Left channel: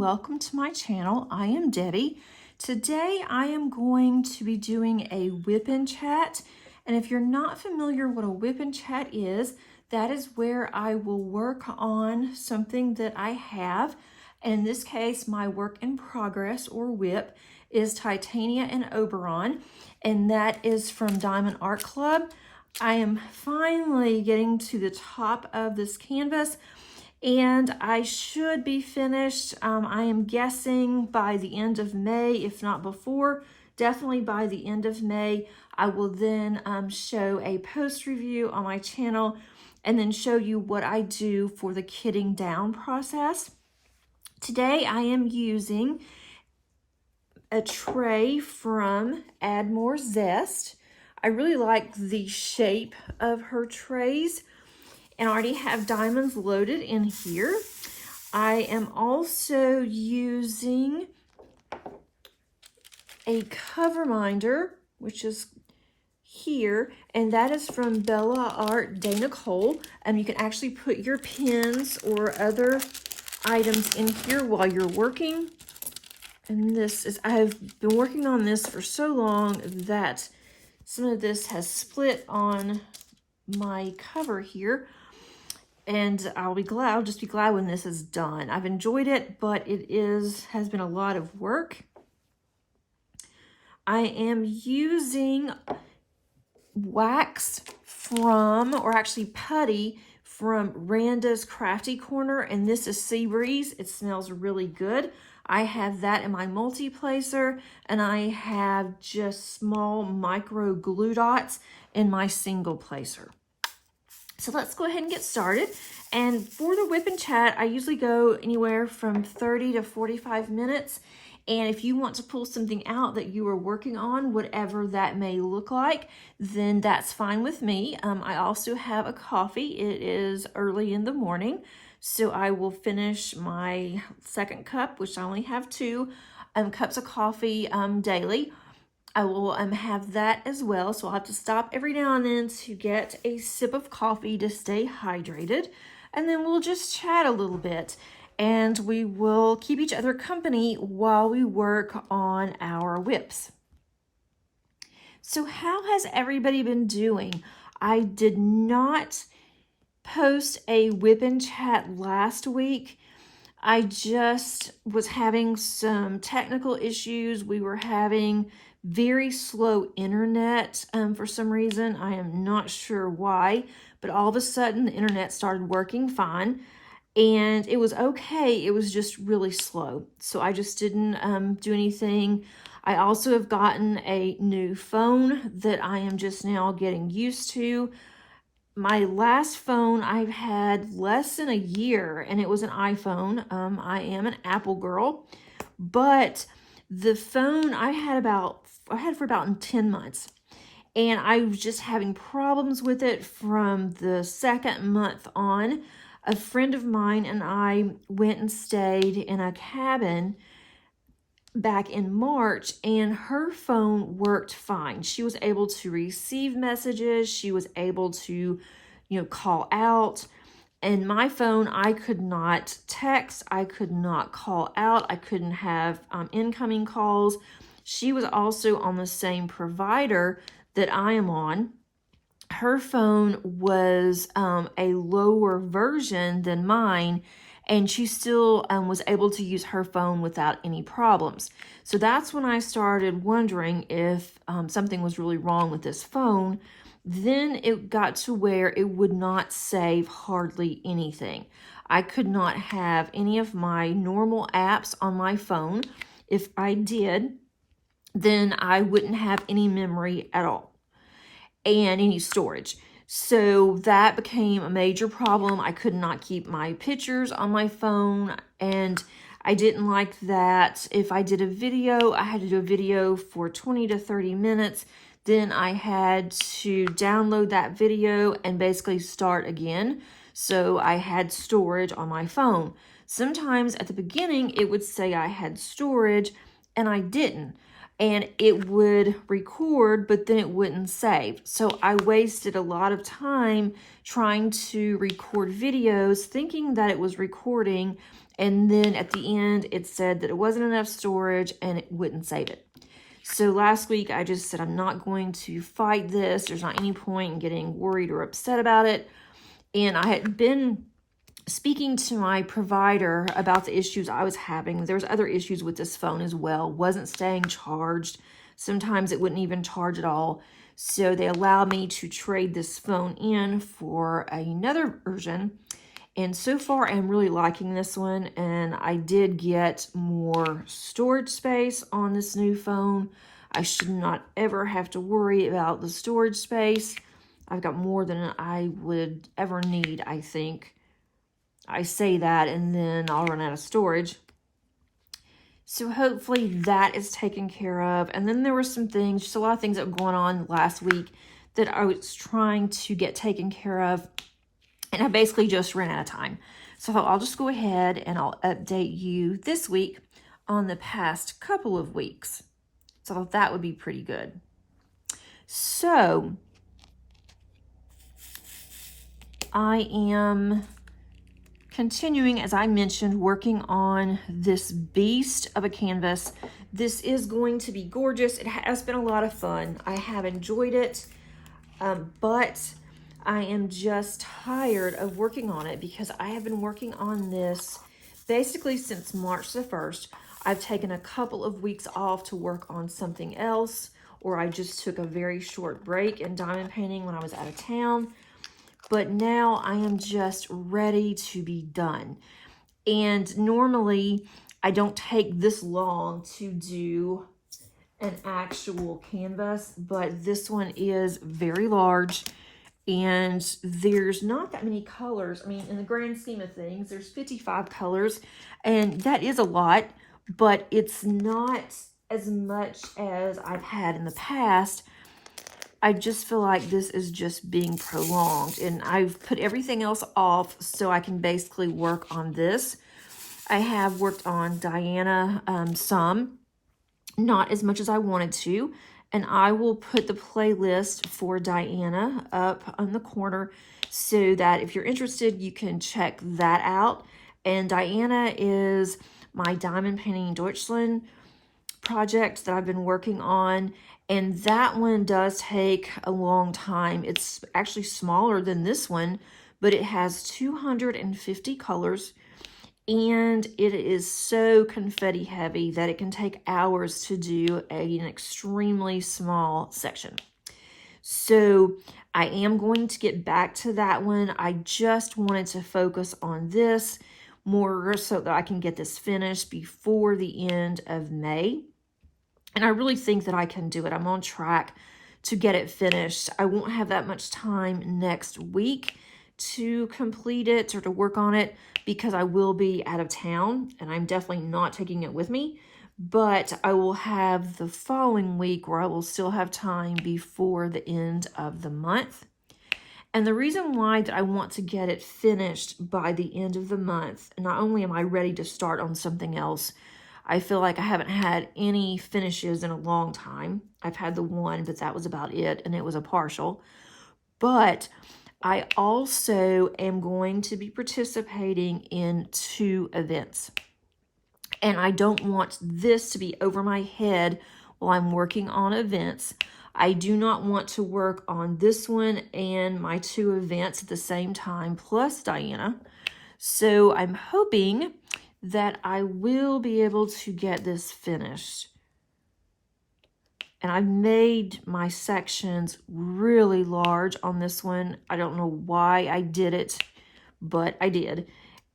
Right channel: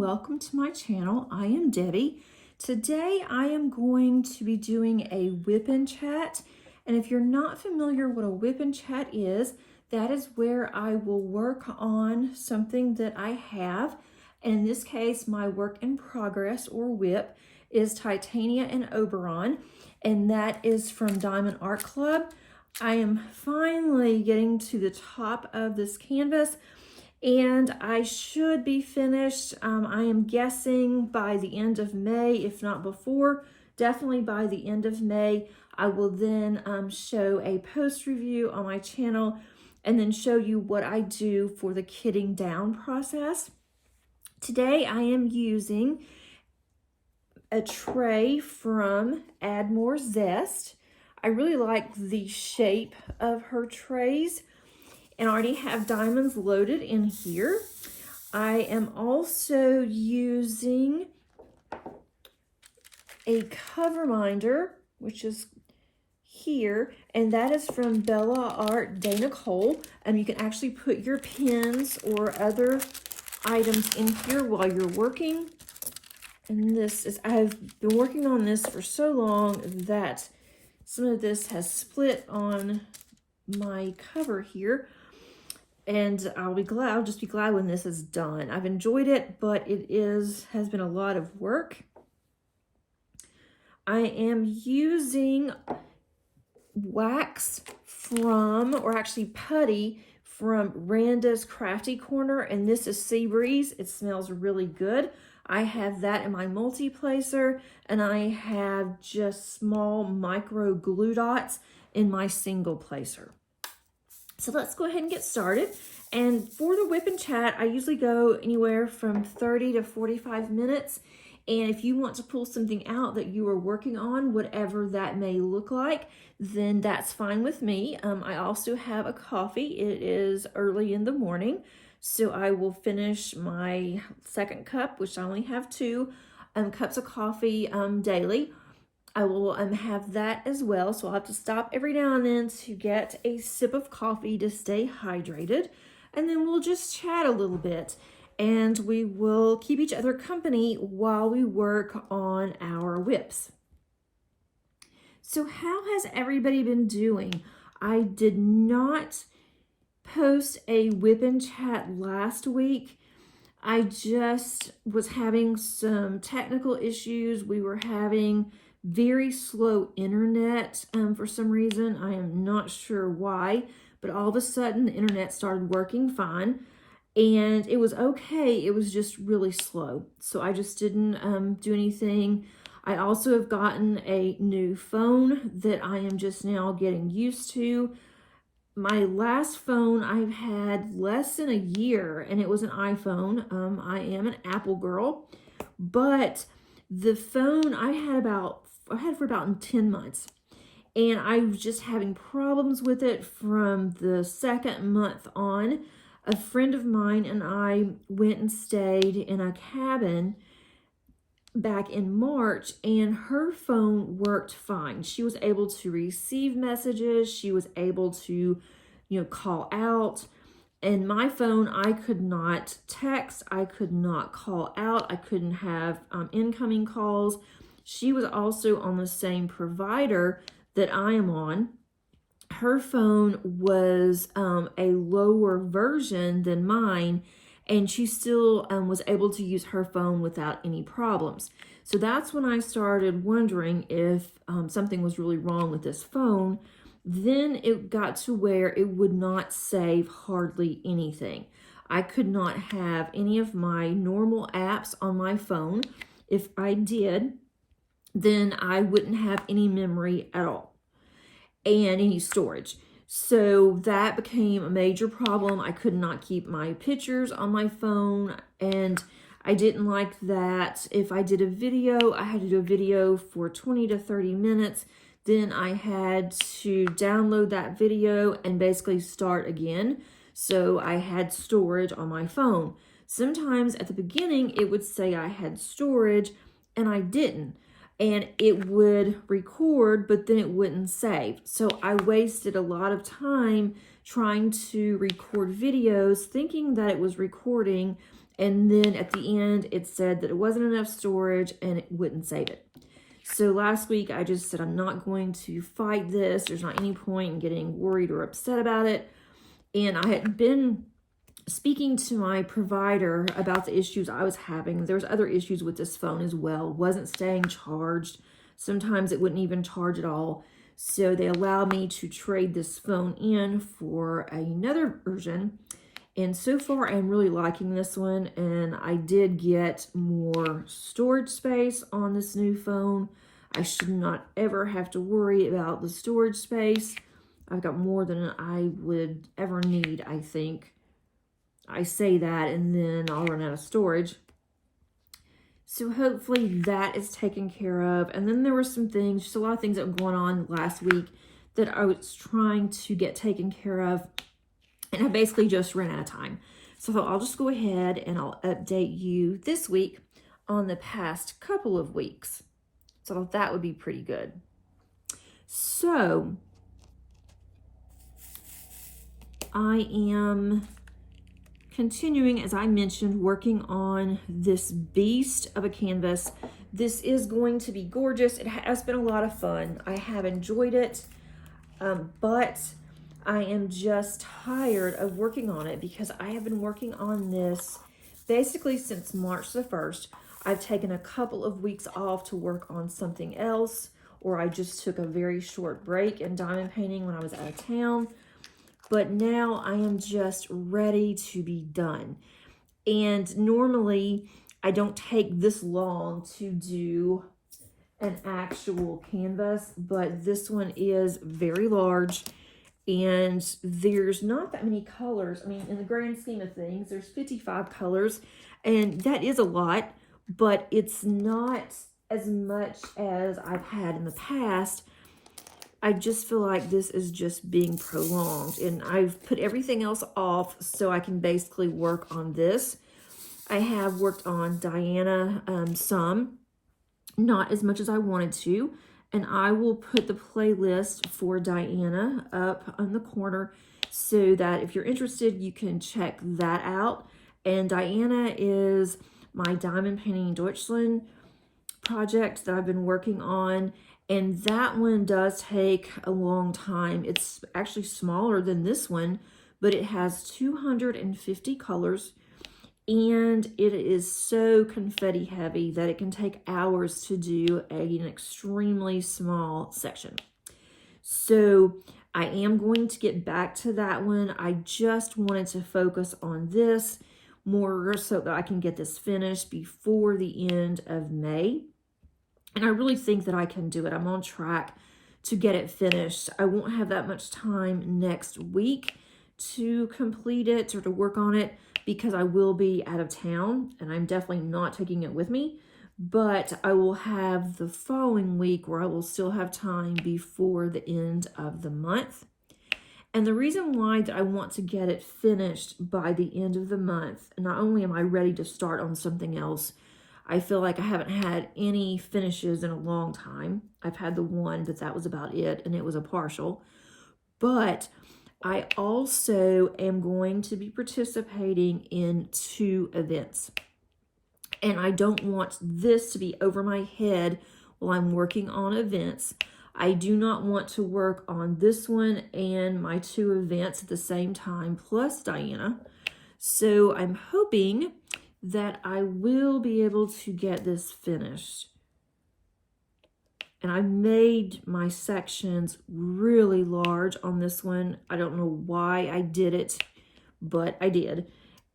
welcome to my channel. I am Debbie. Today I am going to be doing a WIP Chat, and if you're not familiar what a WIP Chat is, that is where I will work on something that I have. In this case, my work in progress, or WIP, is Titania and Oberon, and that is from Diamond Art Club. I am finally getting to the top of this canvas, and I should be finished, I am guessing by the end of May, if not before, definitely by the end of May. I will then show a post review on my channel and then show you what I do for the kitting down process. Today I am using a tray from Add More Zest. I really like the shape of her trays, and I already have diamonds loaded in here. I am also using a cover minder, which is here, and that is from Bella Art Dana Cole. You can actually put your pins or other items in here while you're working. And this is, I have been working on this for so long that some of this has split on my cover here. And I'll just be glad when this is done. I've enjoyed it, but it has been a lot of work. I am using wax from, or actually putty from Randa's Crafty Corner, and this is Sea Breeze. It smells really good. I have that in my multi-placer, and I have just small micro glue dots in my single placer. So let's go ahead and get started. And for the WIP Chat, I usually go anywhere from 30 to 45 minutes. And if you want to pull something out that you are working on, whatever that may look like, then that's fine with me. I also have a coffee. It is early in the morning, so I will finish my second cup, which I only have 2 cups of coffee daily. I will have that as well, so I'll have to stop every now and then to get a sip of coffee to stay hydrated, and then we'll just chat a little bit, and we will keep each other company while we work on our WIPs. So how has everybody been doing? I did not post a WIP Chat last week. I just was having some technical issues. We were having very slow internet for some reason. I am not sure why, but all of a sudden the internet started working fine, and it was okay. It was just really slow, so I just didn't do anything. I also have gotten a new phone that I am just now getting used to. My last phone I've had less than a year, and it was an iPhone. I am an Apple girl, but the phone I had for about 10 months, and I was just having problems with it from the second month on. A friend of mine and I went and stayed in a cabin back in March, and her phone worked fine. She was able to receive messages. She was able to, call out. And my phone, I could not text. I could not call out. I couldn't have incoming calls. She was also on the same provider that I am on. Her phone was a lower version than mine, and she still was able to use her phone without any problems. So that's when I started wondering if something was really wrong with this phone. Then it got to where it would not save hardly anything. I could not have any of my normal apps on my phone. If I did, then I wouldn't have any memory at all and any storage. So that became a major problem. I could not keep my pictures on my phone, and I didn't like that. If I did a video, I had to do a video for 20 to 30 minutes. Then I had to download that video and basically start again. So I had storage on my phone. Sometimes at the beginning, it would say I had storage, and I didn't. and it would record, but then it wouldn't save. So I wasted a lot of time trying to record videos, thinking that it was recording, and then at the end it said that it wasn't enough storage and it wouldn't save it. So last week I just said I'm not going to fight this. There's not any point in getting worried or upset about it. And I had been speaking to my provider about the issues I was having. There was other issues with this phone as well. Wasn't staying charged. Sometimes it wouldn't even charge at all. So they allowed me to trade this phone in for another version. And so far I'm really liking this one. And I did get more storage space on this new phone. I should not ever have to worry about the storage space. I've got more than I would ever need, I think. I say that and then I'll run out of storage. So hopefully that is taken care of. And then there were some things, just a lot of things that were going on last week that I was trying to get taken care of. And I basically just ran out of time. So I thought I'll just go ahead and I'll update you this week on the past couple of weeks. So I thought that would be pretty good. So I am continuing, as I mentioned, working on this beast of a canvas. This is going to be gorgeous. It has been a lot of fun. I have enjoyed it, but I am just tired of working on it because I have been working on this basically since March the 1st. I've taken a couple of weeks off to work on something else, or I just took a very short break in diamond painting when I was out of town. But now I am just ready to be done. And normally I don't take this long to do an actual canvas, but this one is very large and there's not that many colors. I mean, in the grand scheme of things, there's 55 colors and that is a lot, but it's not as much as I've had in the past. I just feel like this is just being prolonged and I've put everything else off so I can basically work on this. I have worked on Diana some, not as much as I wanted to, and I will put the playlist for Diana up on the corner so that if you're interested, you can check that out. And Diana is my Diamond Painting Deutschland project that I've been working on. And that one does take a long time. It's actually smaller than this one, but it has 250 colors. And it is so confetti heavy that it can take hours to do an extremely small section. So I am going to get back to that one. I just wanted to focus on this more so that I can get this finished before the end of May. And I really think that I can do it. I'm on track to get it finished. I won't have that much time next week to complete it or to work on it because I will be out of town and I'm definitely not taking it with me. But I will have the following week where I will still have time before the end of the month. And the reason why that I want to get it finished by the end of the month, not only am I ready to start on something else, I feel like I haven't had any finishes in a long time. I've had the one, but that was about it, and it was a partial. But I also am going to be participating in 2 events. And I don't want this to be over my head while I'm working on events. I do not want to work on this one and my 2 events at the same time, plus Diana. So I'm hoping that I will be able to get this finished. And I made my sections really large on this one. I don't know why I did it, but I did.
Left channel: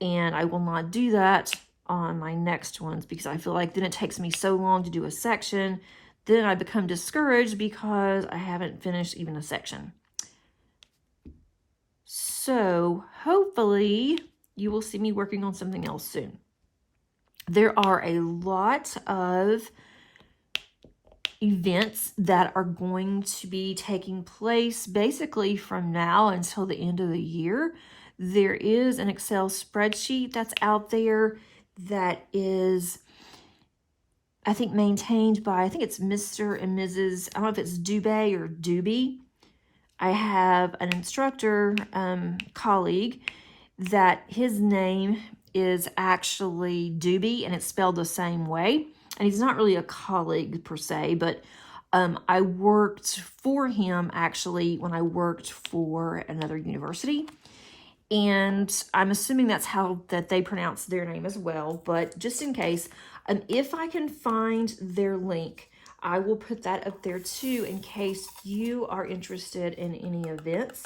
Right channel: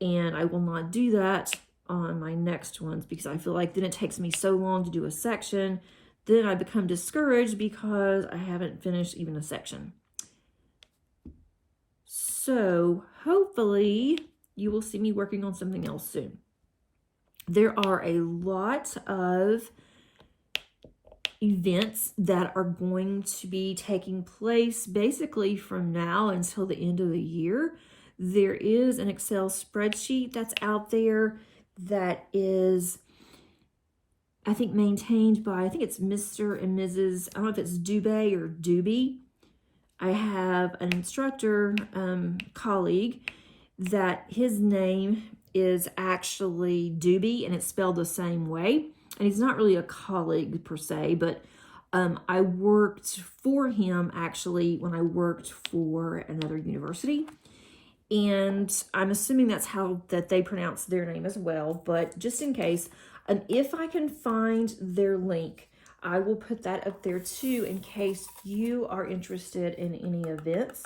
And I will not do that on my next ones because I feel like then it takes me so long to do a section. Then I become discouraged because I haven't finished even a section. So hopefully you will see me working on something else soon. There are a lot of events that are going to be taking place basically from now until the end of the year. There is an Excel spreadsheet that's out there that is I think maintained by, I think it's Mr. and Mrs., I don't know if it's Dubé or Doobie. I have an instructor colleague that his name is actually Doobie, and it's spelled the same way. And he's not really a colleague per se, but I worked for him actually when I worked for another university. And I'm assuming that's how that they pronounce their name as well. But just in case, if I can find their link, I will put that up there too in case you are interested in any events.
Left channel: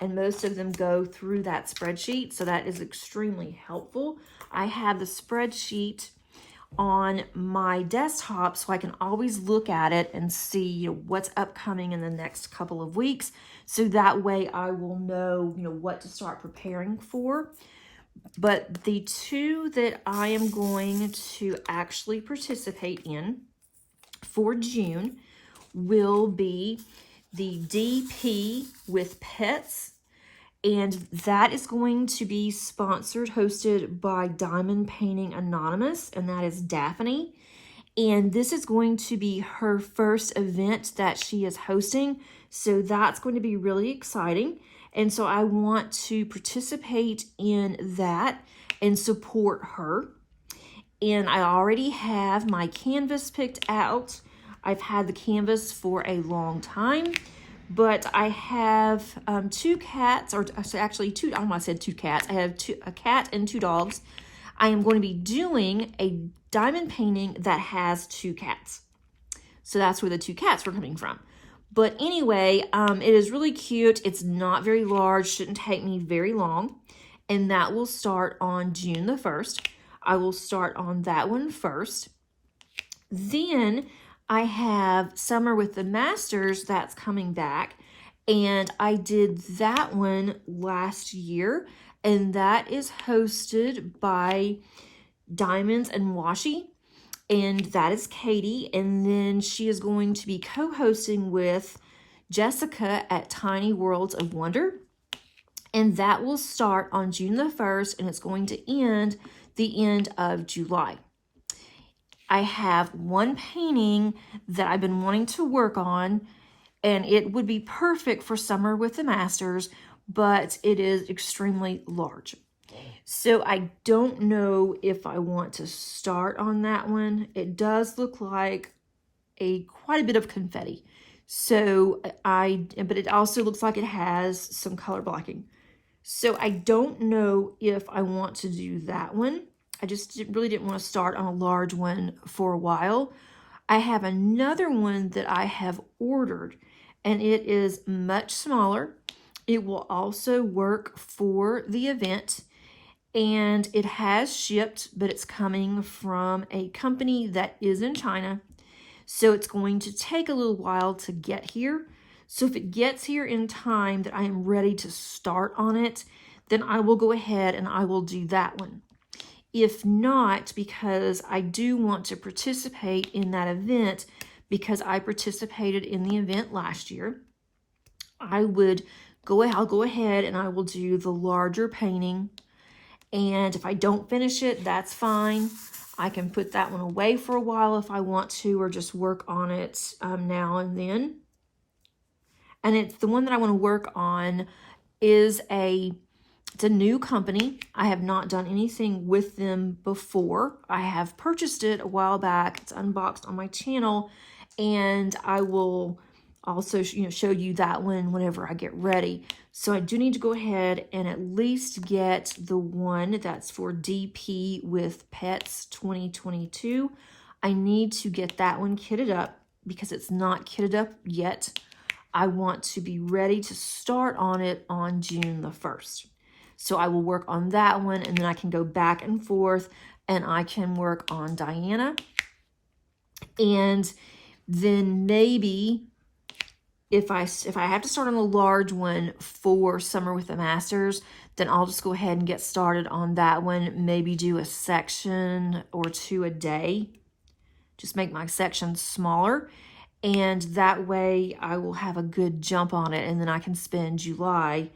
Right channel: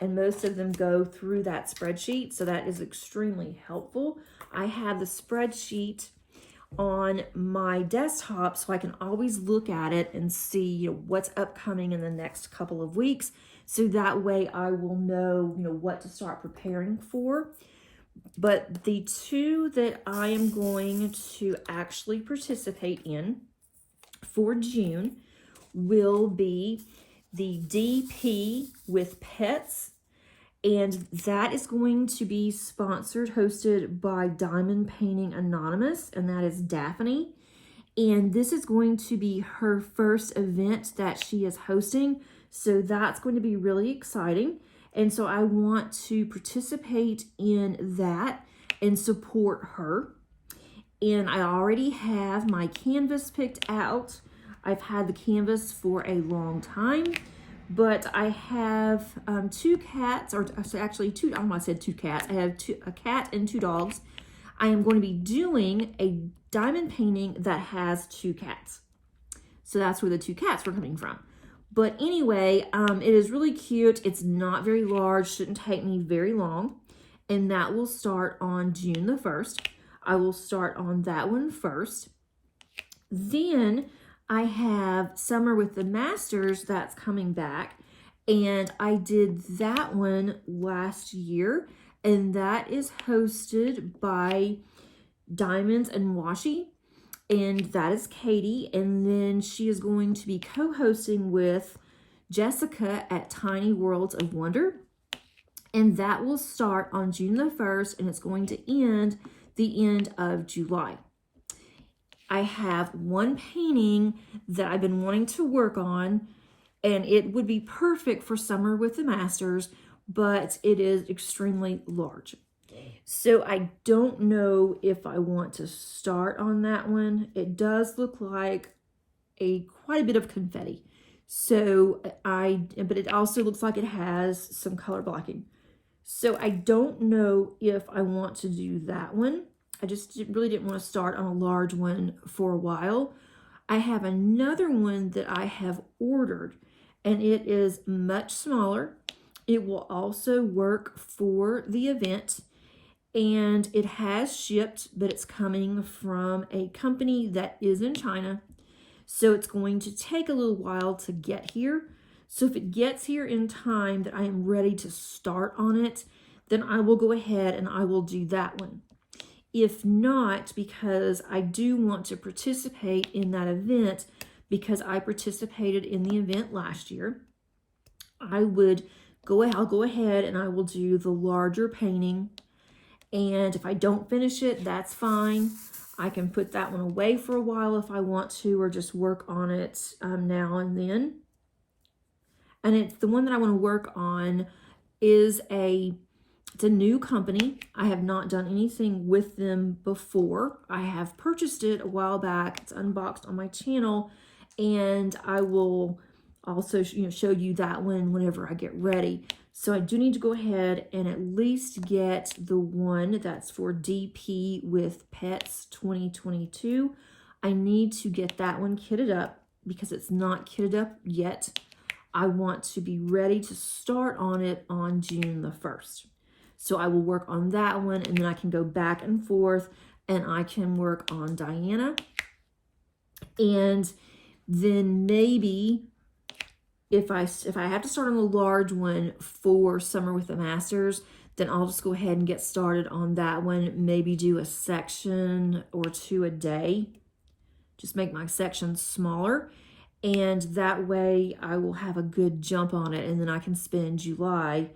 And most of them go through that spreadsheet, so that is extremely helpful. I have the spreadsheet on my desktop so I can always look at it and see what's upcoming in the next couple of weeks. So that way I will know, what to start preparing for. But the two that I am going to actually participate in for June will be the DP with Pets, and that is going to be sponsored, hosted by Diamond Painting Anonymous, and that is Daphne. And this is going to be her first event that she is hosting, so that's going to be really exciting. And so I want to participate in that and support her. And I already have my canvas picked out. I've had the canvas for a long time, but I have two cats, or actually two, I don't know why I said two cats. I have a cat and two dogs. I am going to be doing a diamond painting that has two cats. So that's where the two cats were coming from. But anyway, it is really cute. It's not very large, shouldn't take me very long. And that will start on June the 1st. I will start on that one first. Then I have Summer with the Masters that's coming back. And I did that one last year. And that is hosted by Diamonds and Washi. And that is Katie. And then she is going to be co-hosting with Jessica at Tiny Worlds of Wonder. And that will start on June the 1st, and it's going to end the end of July. I have one painting that I've been wanting to work on, and it would be perfect for Summer with the Masters, but it is extremely large. So I don't know if I want to start on that one. It does look like quite a bit of confetti. So but it also looks like it has some color blocking. So I don't know if I want to do that one. I just really didn't want to start on a large one for a while. I have another one that I have ordered, and it is much smaller. It will also work for the event, and it has shipped, but it's coming from a company that is in China. So it's going to take a little while to get here. So if it gets here in time that I am ready to start on it, then I will go ahead and I will do that one. If not, because I do want to participate in that event, because I participated in the event last year, I'll go ahead and I will do the larger painting. And if I don't finish it, that's fine. I can put that one away for a while if I want to, or just work on it now and then. And it's the one that I want to work on is it's a new company. I have not done anything with them before. I have purchased it a while back. It's unboxed on my channel, and I will also show you that one whenever I get ready. So I do need to go ahead and at least get the one that's for DP with Pets 2022. I need to get that one kitted up because it's not kitted up yet. I want to be ready to start on it on June the 1st. So I will work on that one, and then I can go back and forth, and I can work on Diana. And then maybe if I have to start on a large one for Summer with the Masters, then I'll just go ahead and get started on that one. Maybe do a section or two a day. Just make my sections smaller. And that way I will have a good jump on it, and then I can spend July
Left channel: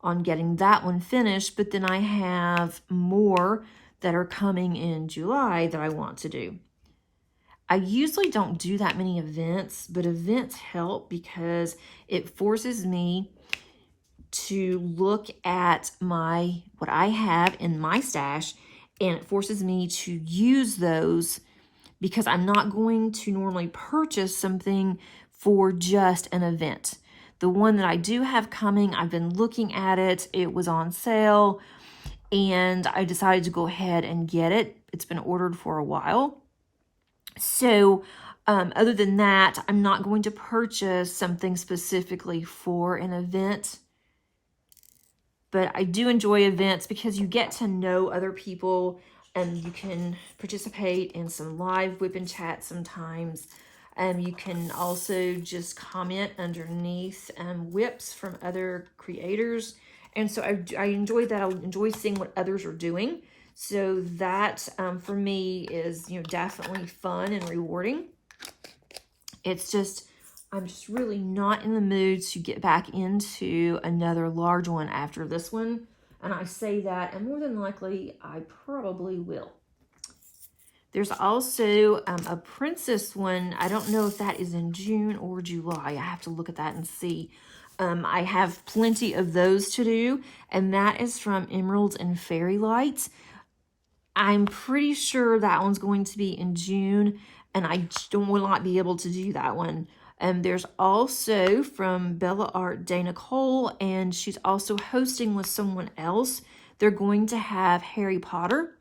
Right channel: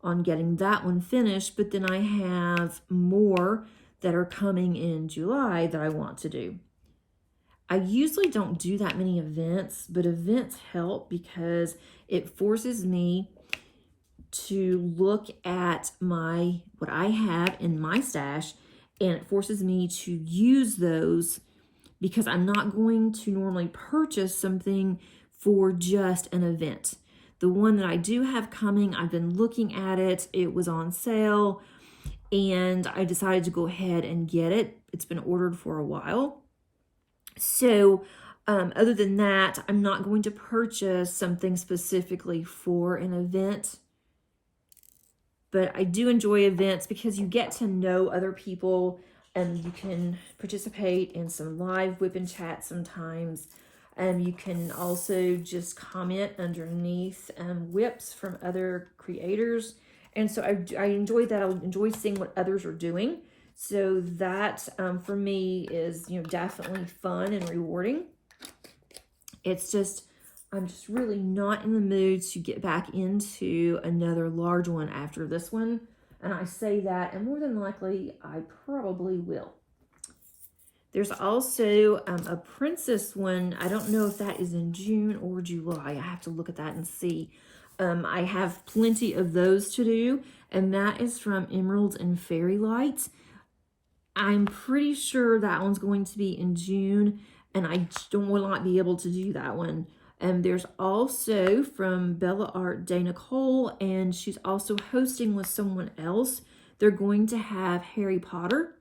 on getting that one finished. But then I have more that are coming in July that I want to do. I usually don't do that many events, but events help because it forces me to look at what I have in my stash, and it forces me to use those because I'm not going to normally purchase something for just an event. The one that I do have coming, I've been looking at it. It was on sale, and I decided to go ahead and get it. It's been ordered for a while. So other than that, I'm not going to purchase something specifically for an event. But I do enjoy events because you get to know other people and you can participate in some live WIP Chat sometimes. You can also just comment underneath WIPs from other creators. And so I enjoy that. I enjoy seeing what others are doing. So that for me is, definitely fun and rewarding. It's just, I'm just really not in the mood to get back into another large one after this one. And I say that, and more than likely, I probably will. There's also a princess one. I don't know if that is in June or July. I have to look at that and see. I have plenty of those to do, and that is from Emeralds and Fairy Lights. I'm pretty sure that one's going to be in June, and I will not be able to do that one. There's also from Bella Art Dana Cole, and she's also hosting with someone else. They're going to have Harry Potter,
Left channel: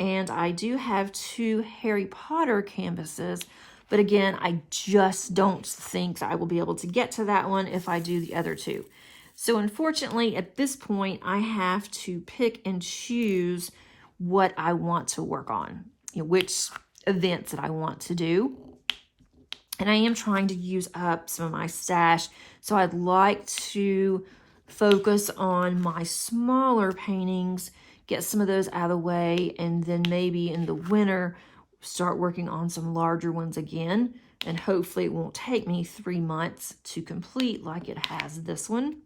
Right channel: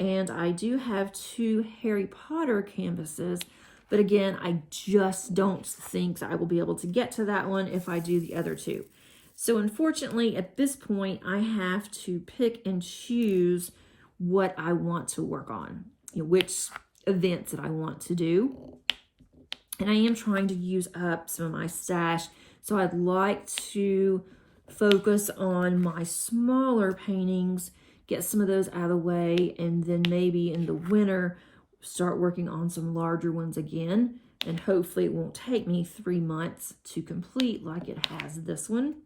and I do have 2 Harry Potter canvases, but again, I just don't think I will be able to get to that one if I do the other 2. So unfortunately, at this point, I have to pick and choose what I want to work on, which events that I want to do. And I am trying to use up some of my stash, so I'd like to focus on my smaller paintings, get some of those out of the way, and then maybe in the winter start working on some larger ones again. And hopefully it won't take me 3 months to complete like it has this one.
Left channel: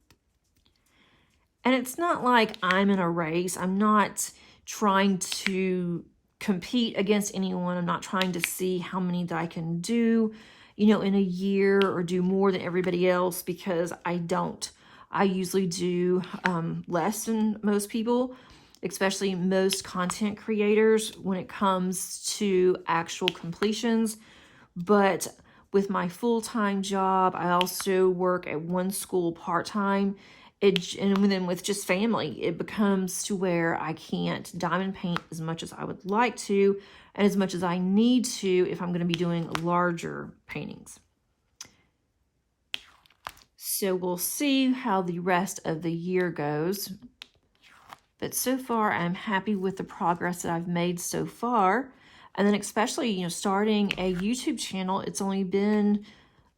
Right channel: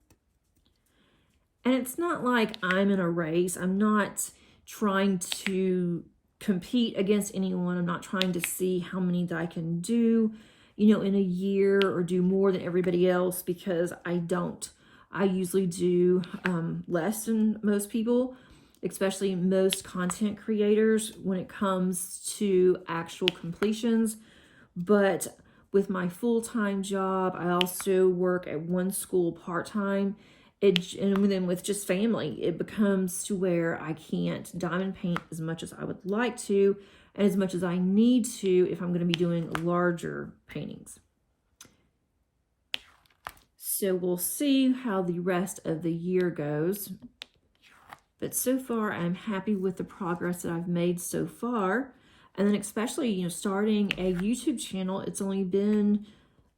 And it's not like I'm in a race. I'm not trying to compete against anyone. I'm not trying to see how many that I can do, in a year, or do more than everybody else, because I don't. I usually do less than most people, especially most content creators when it comes to actual completions. But with my full-time job, I also work at one school part-time. And then with just family, it becomes to where I can't diamond paint as much as I would like to, and as much as I need to if I'm going to be doing larger paintings. So we'll see how the rest of the year goes. But so far, I'm happy with the progress that I've made so far. And then especially, starting a YouTube channel, it's only been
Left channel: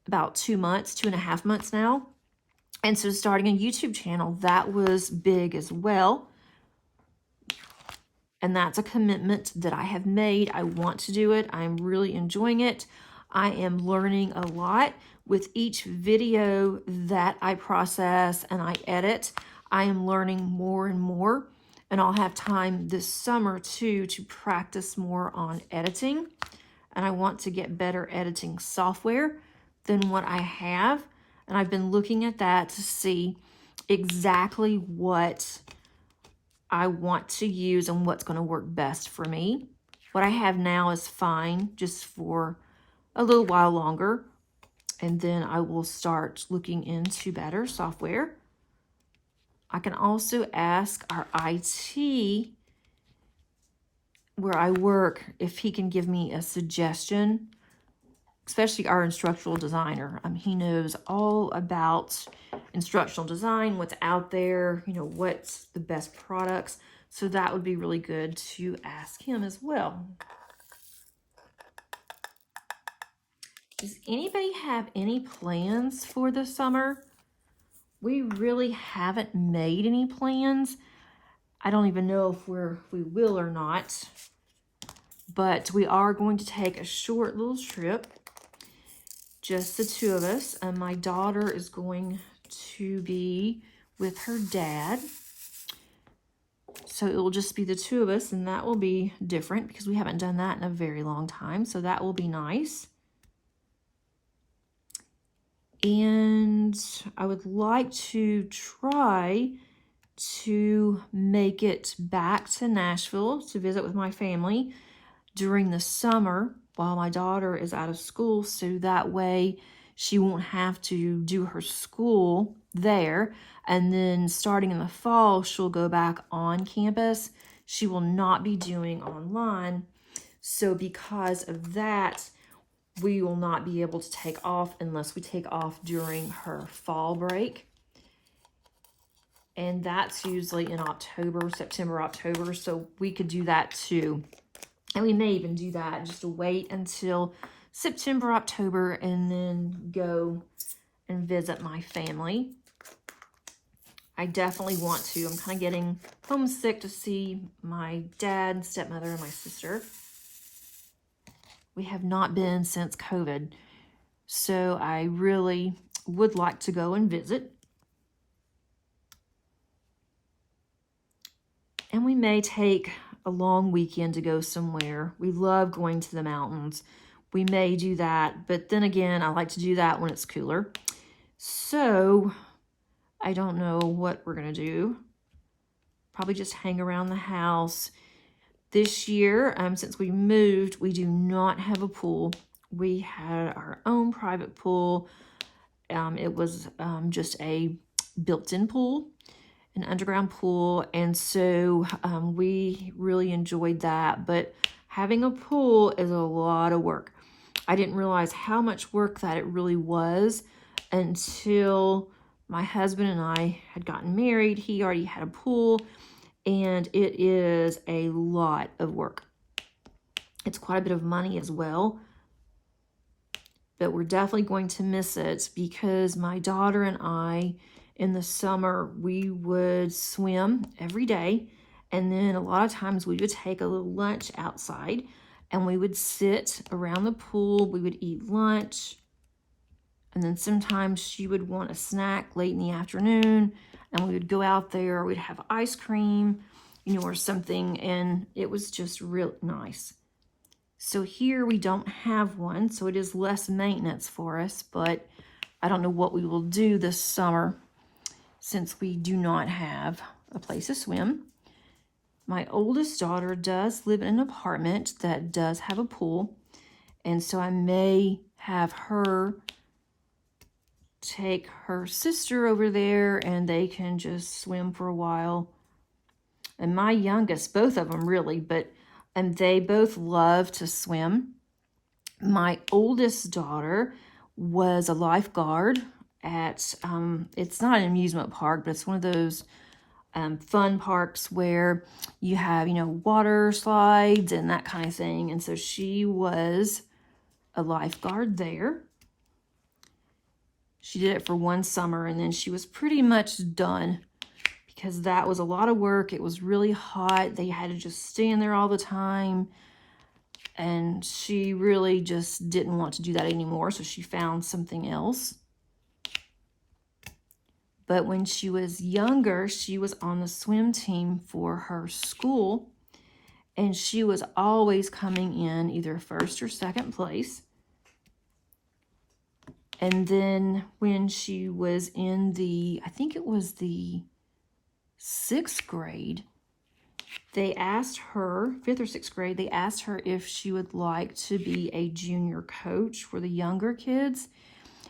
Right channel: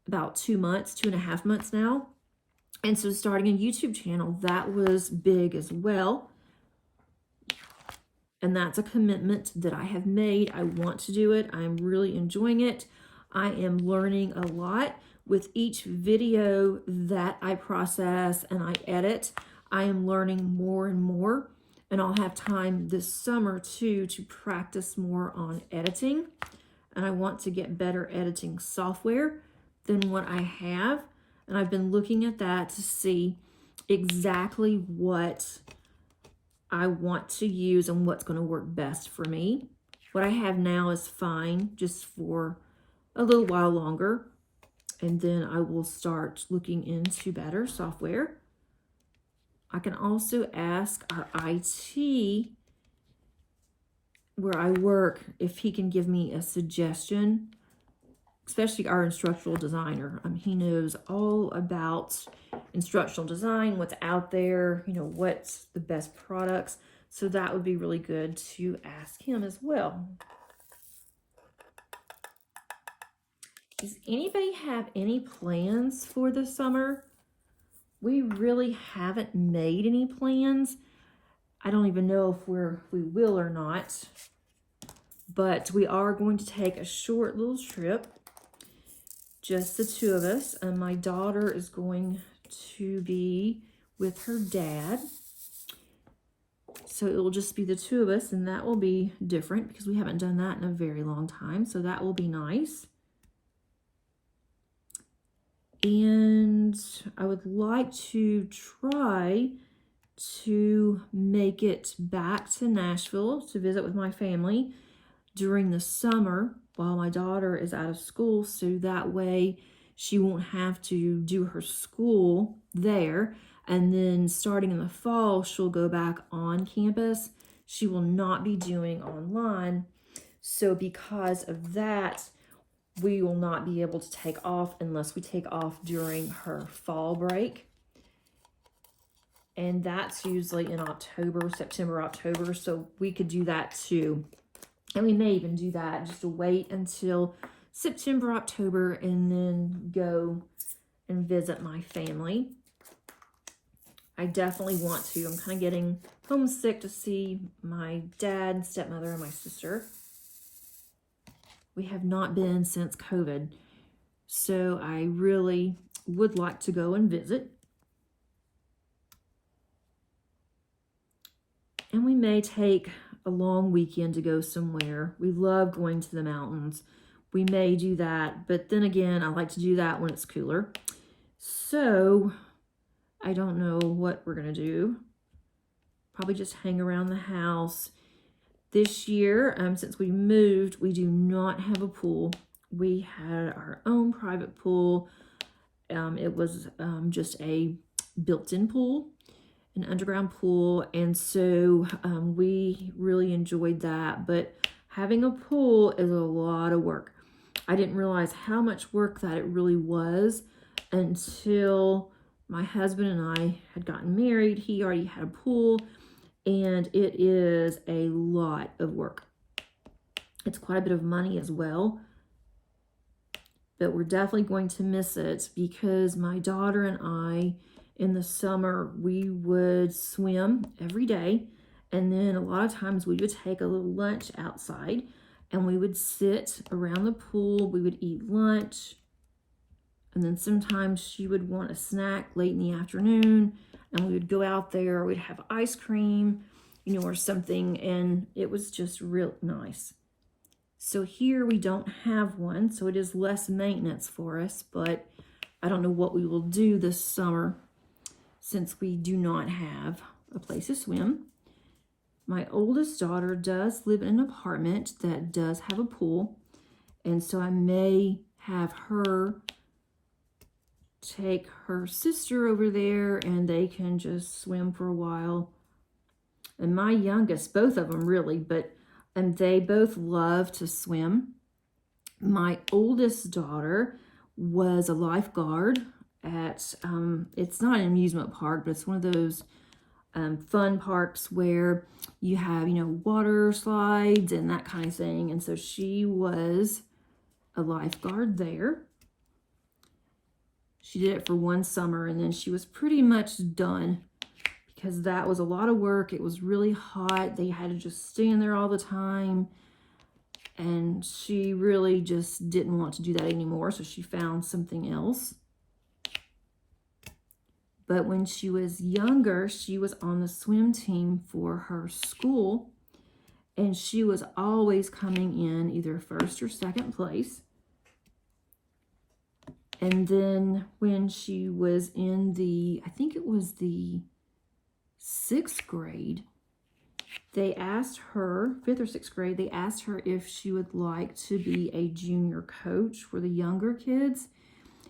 about 2 months, 2.5 months now. And so starting a YouTube channel, that was big as well. And that's a commitment that I have made. I want to do it. I'm really enjoying it. I am learning a lot with each video that I process and I edit. I am learning more and more. And I'll have time this summer too to practice more on editing. And I want to get better editing software than what I have. And I've been looking at that to see exactly what I want to use and what's going to work best for me. What I have now is fine, just for a little while longer. And then I will start looking into better software. I can also ask our IT where I work if he can give me a suggestion, especially our instructional designer. He knows all about instructional design, what's out there, what's the best products. So that would be really good to ask him as well. Does anybody have any plans for the summer? We really haven't made any plans. I don't even know if we will or not. But we are going to take a short little trip, just the 2 of us. And my daughter is going to be with her dad. So it will just be the two of us, and that will be different because we haven't done that in a very long time. So that will be nice. And I would like to try to make it back to Nashville to visit with my family during the summer while my daughter is out of school, so that way she won't have to do her school there, and then starting in the fall she'll go back on campus. She will not be doing online, so because of that we will not be able to take off unless we take off during her fall break. And that's usually in October, September, October. So we could do that too. And we may even do that, just to wait until September, October, and then go and visit my family. I definitely want to. I'm kind of getting homesick to see my dad, stepmother, and my sister. We have not been since COVID. So I really would like to go and visit. And we may take a long weekend to go somewhere. We love going to the mountains. We may do that, but then again, I like to do that when it's cooler. So I don't know what we're gonna do. Probably just hang around the house. This year, since we moved, we do not have a pool. We had our own private pool. It was just a built-in pool, an underground pool, and so we really enjoyed that. But having a pool is a lot of work. I didn't realize how much work that it really was until my husband and I had gotten married. He already had a pool, and it is a lot of work. It's quite a bit of money as well, but we're definitely going to miss it because my daughter and I, in the summer, we would swim every day, and then a lot of times we would take a little lunch outside, and we would sit around the pool. We would eat lunch, and then sometimes she would want a snack late in the afternoon, and we would go out there. We'd have ice cream, or something, and it was just real nice. So here we don't have one, so it is less maintenance for us, but I don't know what we will do this summer since we do not have a place to swim. My oldest daughter does live in an apartment that does have a pool, and so I may have her take her sister over there and they can just swim for a while. And my youngest, both of them really, and they both love to swim. My oldest daughter was a lifeguard at, it's not an amusement park, but it's one of those fun parks where you have, water slides and that kind of thing. And so she was a lifeguard there. She did it for one summer, and then she was pretty much done because that was a lot of work. It was really hot. They had to just stand there all the time, and she really just didn't want to do that anymore, so she found something else. But when she was younger, she was on the swim team for her school, and she was always coming in either first or second place. And then when she was in I think it was the 6th grade, they asked her, 5th or 6th grade, they asked her if she would like to be a junior coach for the younger kids.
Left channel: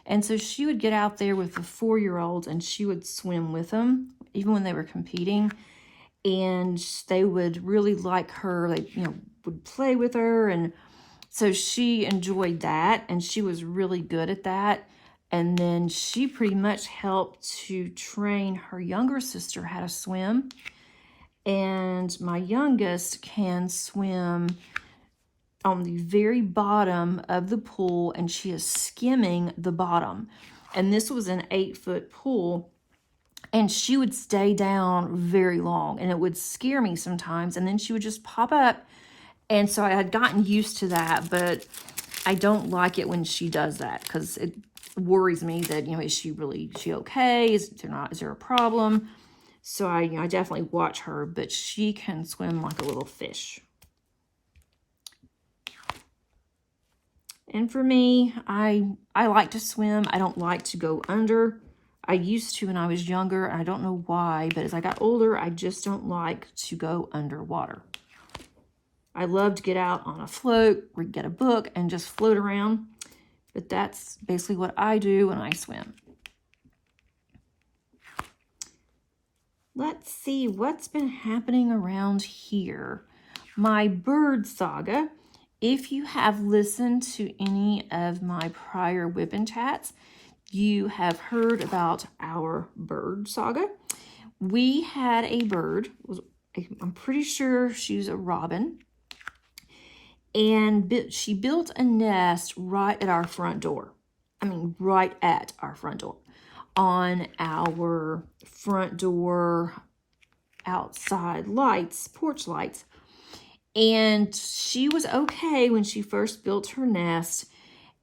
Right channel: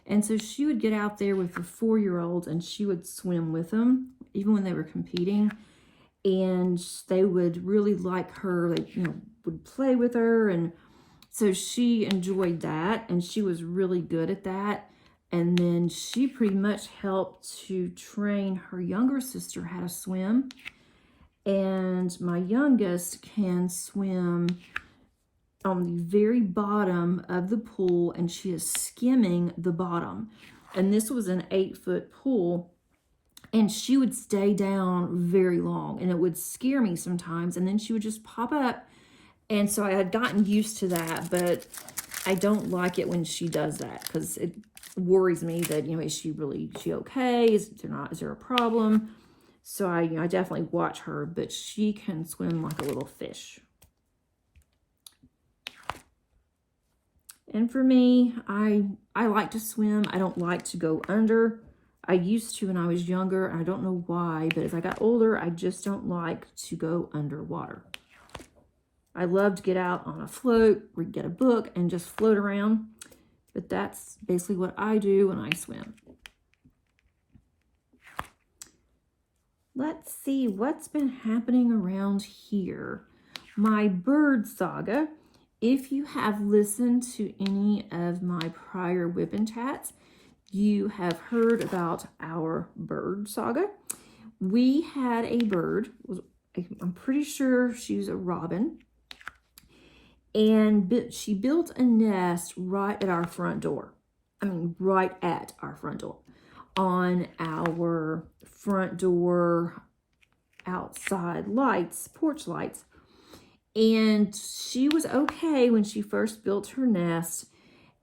And so she would get out there with the 4-year-olds and she would swim with them, even when they were competing. And they would really like her, would play with her. And so she enjoyed that, and she was really good at that. And then she pretty much helped to train her younger sister how to swim. And my youngest can swim on the very bottom of the pool, and she is skimming the bottom. And this was an 8-foot pool, and she would stay down very long, and it would scare me sometimes. And then she would just pop up. And so I had gotten used to that, but I don't like it when she does that because it worries me that, is she okay? Is there a problem? So I definitely watch her, but she can swim like a little fish. And for me, I like to swim. I don't like to go under. I used to when I was younger. I don't know why, but as I got older, I just don't like to go underwater. I love to get out on a float or get a book and just float around. But that's basically what I do when I swim. Let's see what's been happening around here. My bird saga. If you have listened to any of my prior WIP chats, you have heard about our bird saga. We had a bird. I'm pretty sure she was a robin. And she built a nest right at our front door. I mean, right at our front door. On our front door outside lights, porch lights. And she was okay when she first built her nest.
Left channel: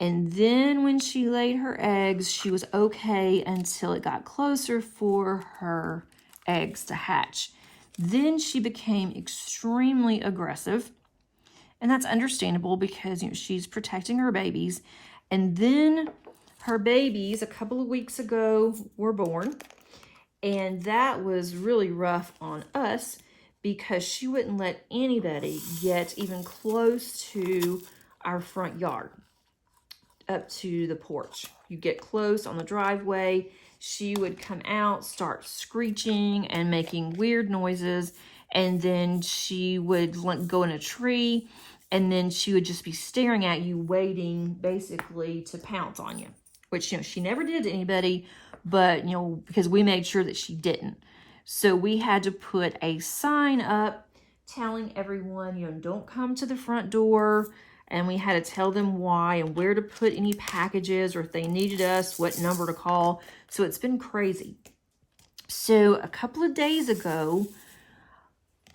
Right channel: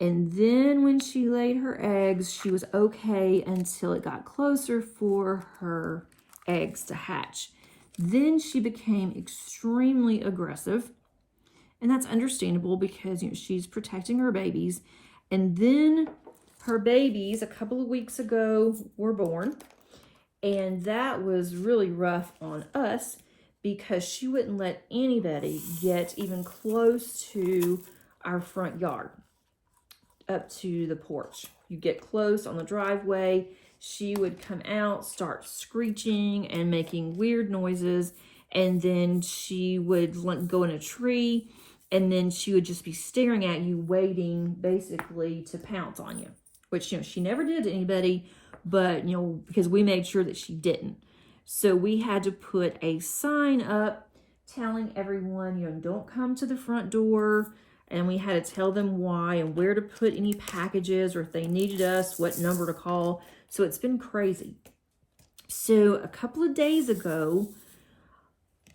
And then when she laid her eggs, she was okay until it got closer for her eggs to hatch. Then she became extremely aggressive. And that's understandable because, you know, she's protecting her babies. And then her babies, a couple of weeks ago, were born. And that was really rough on us because she wouldn't let anybody get even close to our front yard, up to the porch. You get close on the driveway, she would come out, start screeching and making weird noises. And then she would go in a tree. And then she would just be staring at you, waiting basically to pounce on you, which, you know, she never did to anybody, but, you know, because we made sure that she didn't. So we had to put a sign up telling everyone, you know, don't come to the front door. And we had to tell them why and where to put any packages, or if they needed us, what number to call. So it's been crazy. So a couple of days ago,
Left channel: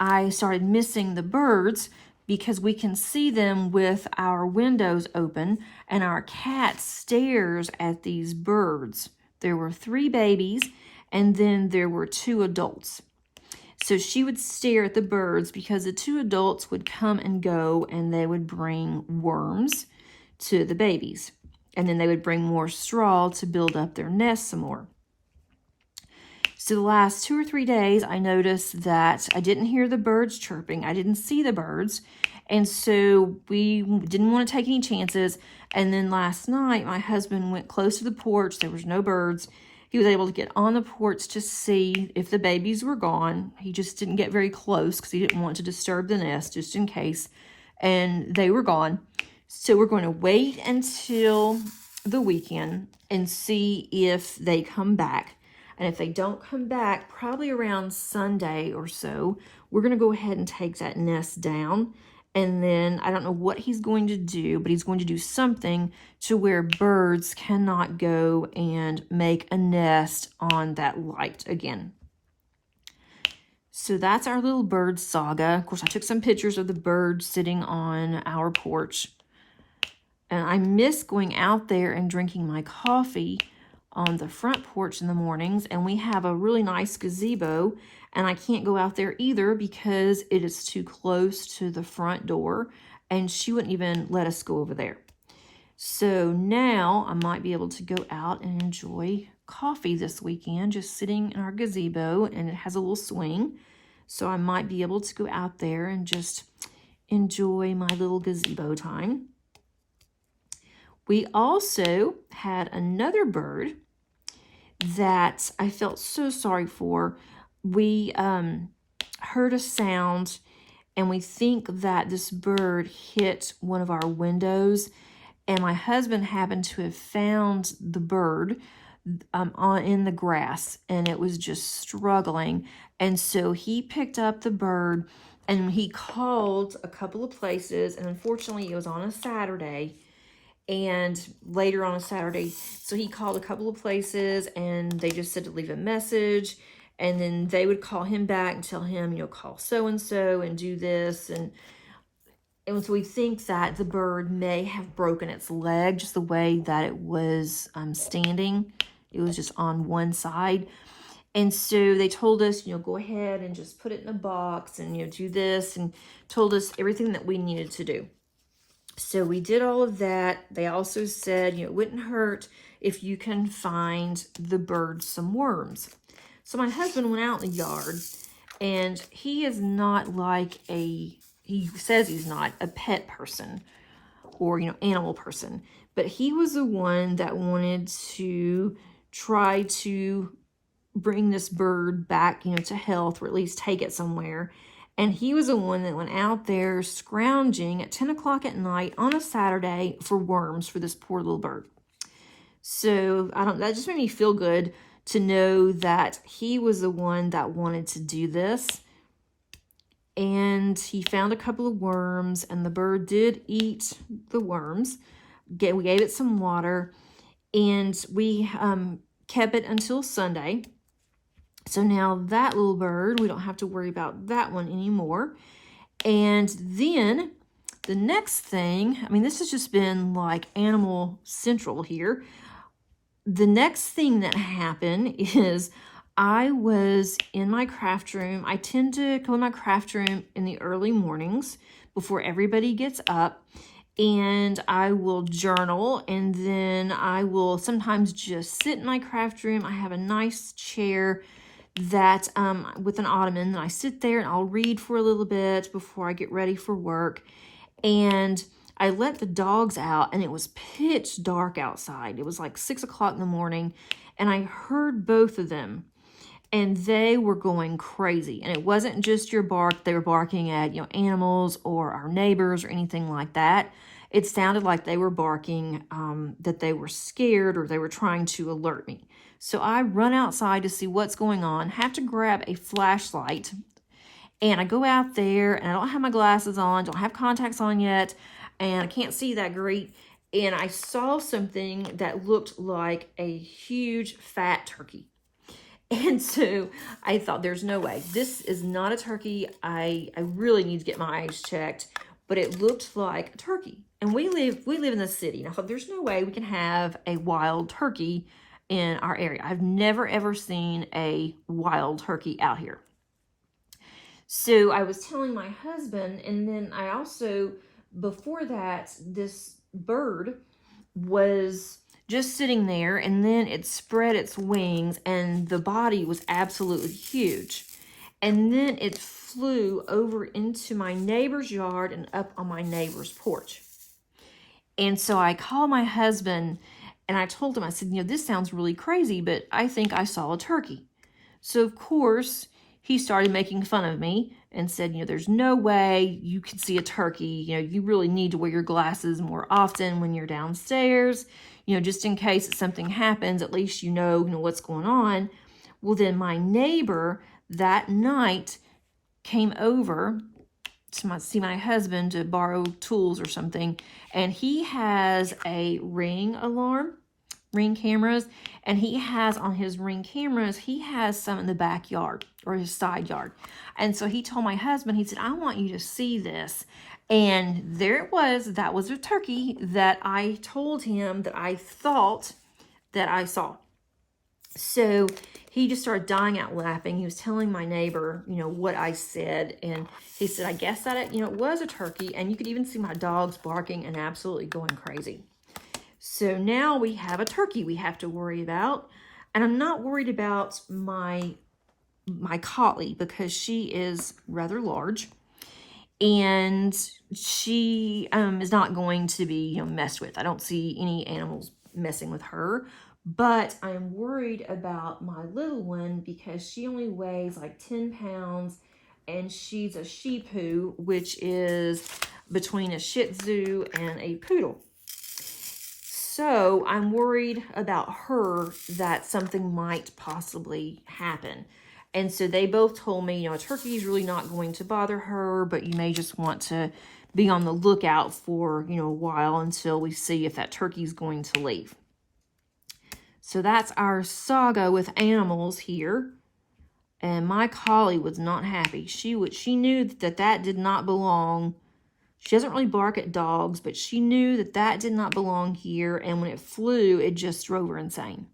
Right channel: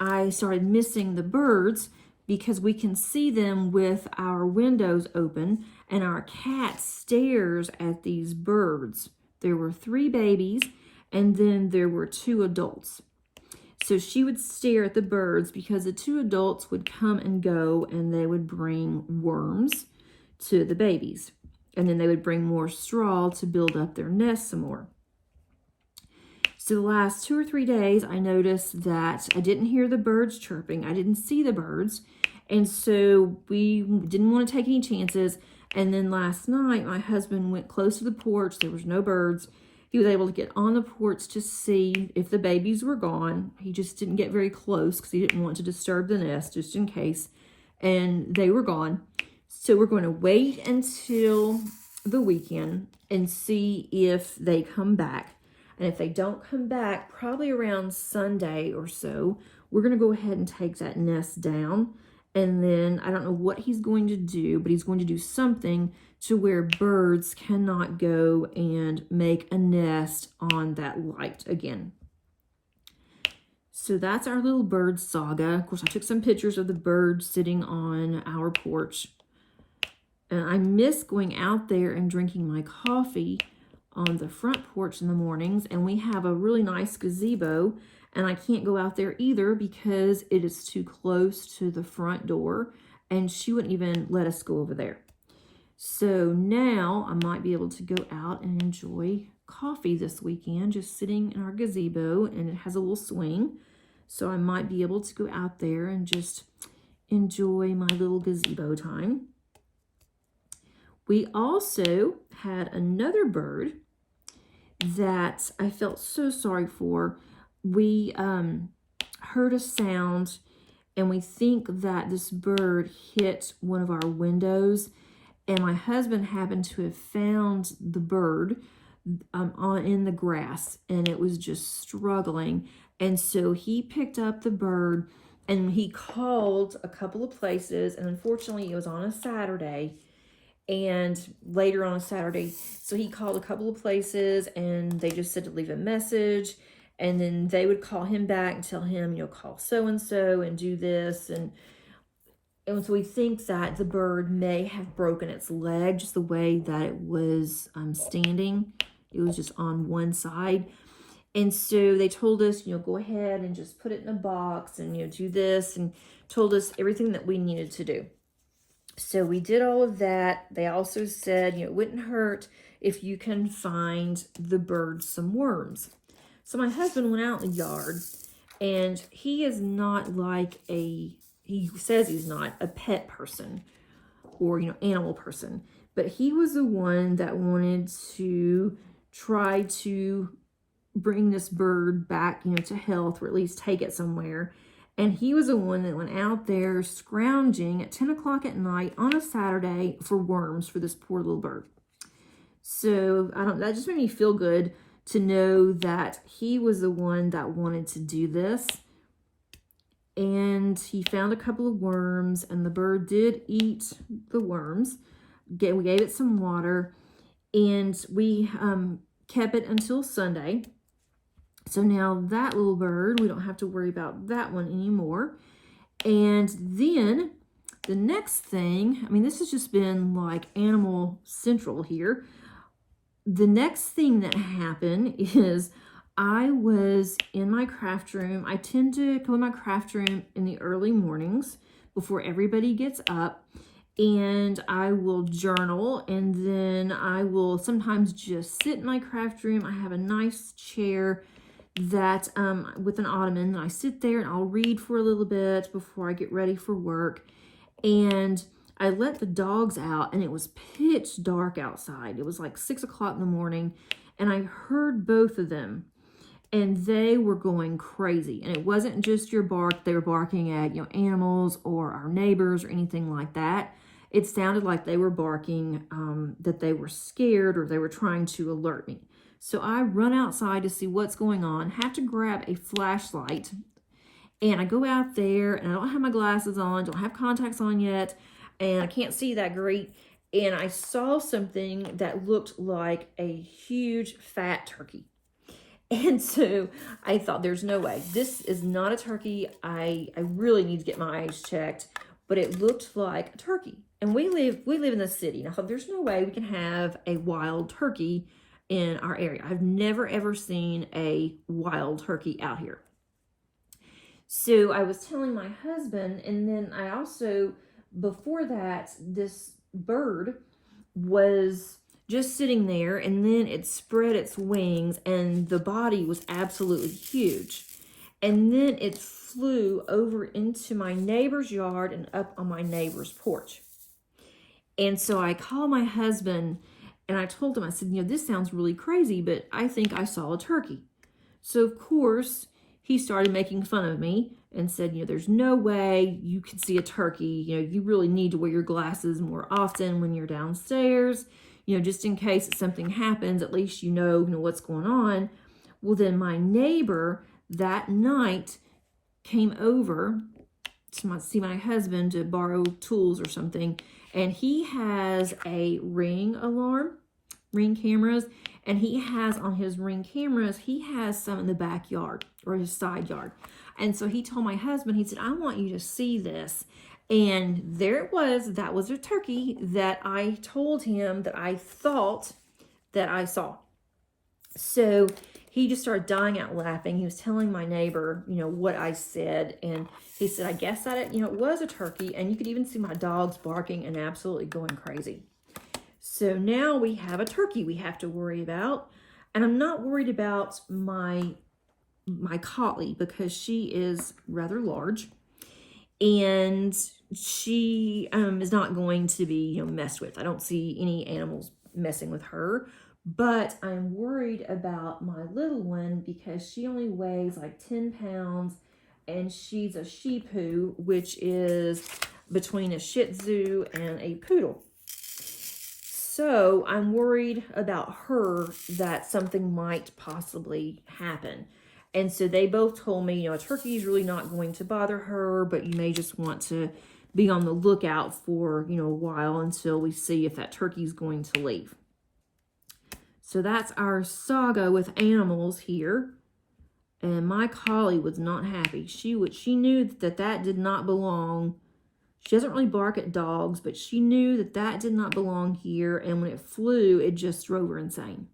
I started missing the birds, because we can see them with our windows open, and our cat stares at these birds. There were 3 babies, and then there were 2 adults. So she would stare at the birds because the 2 adults would come and go, and they would bring worms to the babies. And then they would bring more straw to build up their nest some more. So the last 2 or 3 days, I noticed that I didn't hear the birds chirping. I didn't see the birds. And so we didn't want to take any chances. And then last night, my husband went close to the porch. There was no birds. He was able to get on the porch to see if the babies were gone. He just didn't get very close because he didn't want to disturb the nest just in case. And they were gone. So we're going to wait until the weekend and see if they come back. And if they don't come back, probably around Sunday or so, we're going to go ahead and take that nest down. And then I don't know what he's going to do, but he's going to do something to where birds cannot go and make a nest on that light again. So that's our little bird saga. Of course, I took some pictures of the birds sitting on our porch. And I miss going out there and drinking my coffee on the front porch in the mornings. And we have a really nice gazebo. And I can't go out there either because it is too close to the front door. And she wouldn't even let us go over there. So now I might be able to go out and enjoy coffee this weekend, just sitting in our gazebo, and it has a little swing. So I might be able to go out there and just enjoy my little gazebo time. We also had another bird that I felt so sorry for. We heard a sound, and we think that this bird hit one of our windows, and my husband happened to have found the bird in the grass, and it was just struggling. And so he picked up the bird, and he called a couple of places, and unfortunately it was on a Saturday, and later on a Saturday, so he called a couple of places, and they just said to leave a message, and then they would call him back and tell him, you know, call so-and-so and do this, and so we think that the bird may have broken its leg, just the way that it was standing. It was just on one side. And so they told us, go ahead and just put it in a box and, do this, and told us everything that we needed to do. So we did all of that. They also said, it wouldn't hurt if you can find the birds some worms. So my husband went out in the yard, and he is not like he says he's not a pet person or, animal person, but he was the one that wanted to try to bring this bird back, to health, or at least take it somewhere. And he was the one that went out there scrounging at 10 o'clock at night on a Saturday for worms for this poor little bird. So that just made me feel good to know that he was the one that wanted to do this. And he found a couple of worms, and the bird did eat the worms. We gave it some water, and we kept it until Sunday. So now that little bird, we don't have to worry about that one anymore. And then the next thing, this has just been like Animal Central here. The next thing that happened is I was in my craft room. I tend to go in my craft room in the early mornings before everybody gets up. And I will journal, and then I will sometimes just sit in my craft room. I have a nice chair that with an ottoman, and I sit there and I'll read for a little bit before I get ready for work. And I let the dogs out, and it was pitch dark outside. It was like 6 o'clock in the morning, and I heard both of them, and they were going crazy. And it wasn't just your bark. They were barking at, animals or our neighbors or anything like that. It sounded like they were barking that they were scared, or they were trying to alert me. So I run outside to see what's going on, have to grab a flashlight, and I go out there, and I don't have my glasses on, don't have contacts on yet, and I can't see that great. And I saw something that looked like a huge fat turkey. And so I thought, there's no way. This is not a turkey. I really need to get my eyes checked. But it looked like a turkey. And we live in the city. And I thought, there's no way we can have a wild turkey in our area. I've never, ever seen a wild turkey out here. So I was telling my husband, and then I also, before that, this bird was just sitting there, and then it spread its wings, and the body was absolutely huge. And then it flew over into my neighbor's yard and up on my neighbor's porch. And so I called my husband, and I told him, I said, this sounds really crazy, but I think I saw a turkey. So of course, he started making fun of me and said, there's no way you can see a turkey. You really need to wear your glasses more often when you're downstairs, just in case something happens, at least you know what's going on. Well, then my neighbor that night came over to see my husband to borrow tools or something, and he has a Ring cameras, and he has on his Ring cameras, he has some in the backyard or his side yard. And so he told my husband, he said, I want you to see this. And there it was. That was a turkey that I told him that I thought that I saw. So he just started dying out laughing. He was telling my neighbor, what I said. And he said, I guess that, it was a turkey. And you could even see my dogs barking and absolutely going crazy. So now we have a turkey we have to worry about. And I'm not worried about my collie, because she is rather large. And she is not going to be messed with. I don't see any animals messing with her. But I'm worried about my little one, because she only weighs like 10 pounds, and she's a Shih Tzu, which is between a Shih Tzu and a Poodle. So I'm worried about her, that something might possibly happen. And so they both told me, a turkey is really not going to bother her, but you may just want to be on the lookout for, a while until we see if that turkey is going to leave. So that's our saga with animals here. And my collie was not happy. She knew that did not belong. She doesn't really bark at dogs, but she knew that did not belong here. And when it flew, it just drove her insane.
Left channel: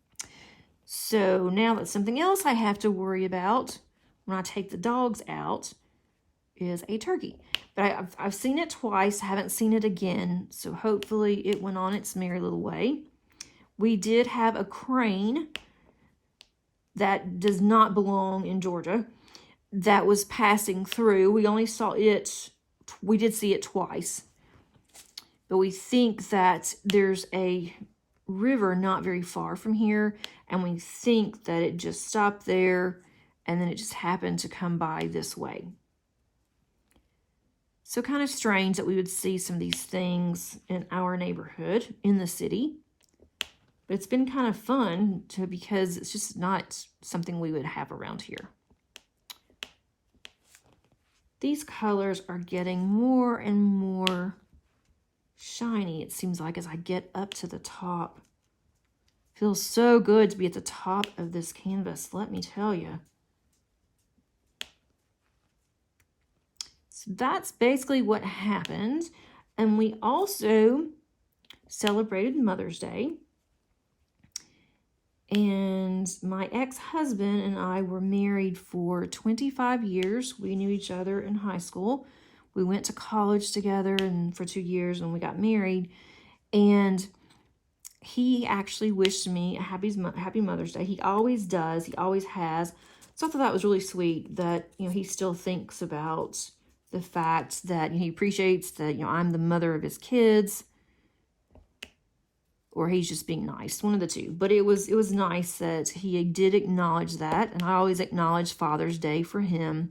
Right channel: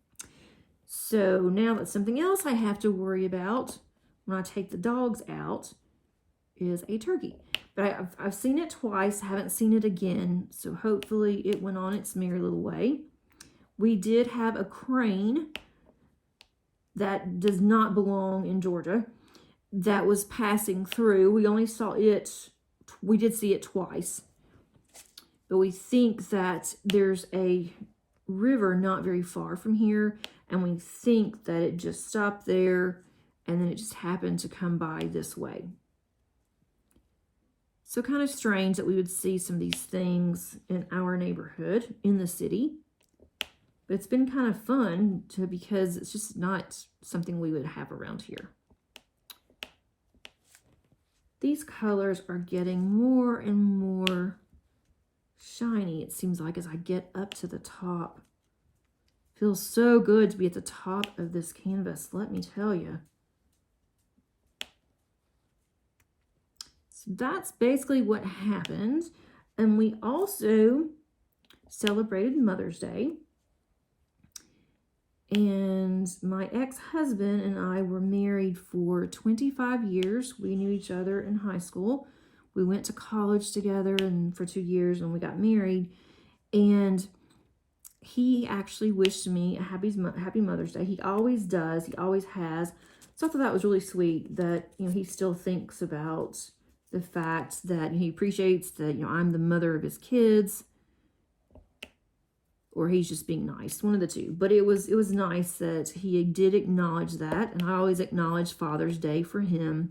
So now that's something else I have to worry about when I take the dogs out is a turkey. But I've seen it twice, haven't seen it again. So hopefully it went on its merry little way. We did have a crane that does not belong in Georgia that was passing through. We only saw it, we did see it twice. But we think that there's a river not very far from here, and we think that it just stopped there and then it just happened to come by this way. So kind of strange that we would see some of these things in our neighborhood in the city. But it's been kind of fun because it's just not something we would have around here. These colors are getting more and more shiny, it seems like, as I get up to the top. Feels so good to be at the top of this canvas, let me tell you. So that's basically what happened. And we also celebrated Mother's Day. And my ex-husband and I were married for 25 years. We knew each other in high school. We went to college together and for 2 years when we got married. And he actually wished me a happy Mother's Day. He always does. He always has. So I thought that was really sweet that, he still thinks about the fact that he appreciates that, I'm the mother of his kids. Or he's just being nice, one of the two. But it was nice that he did acknowledge that. And I always acknowledge Father's Day for him.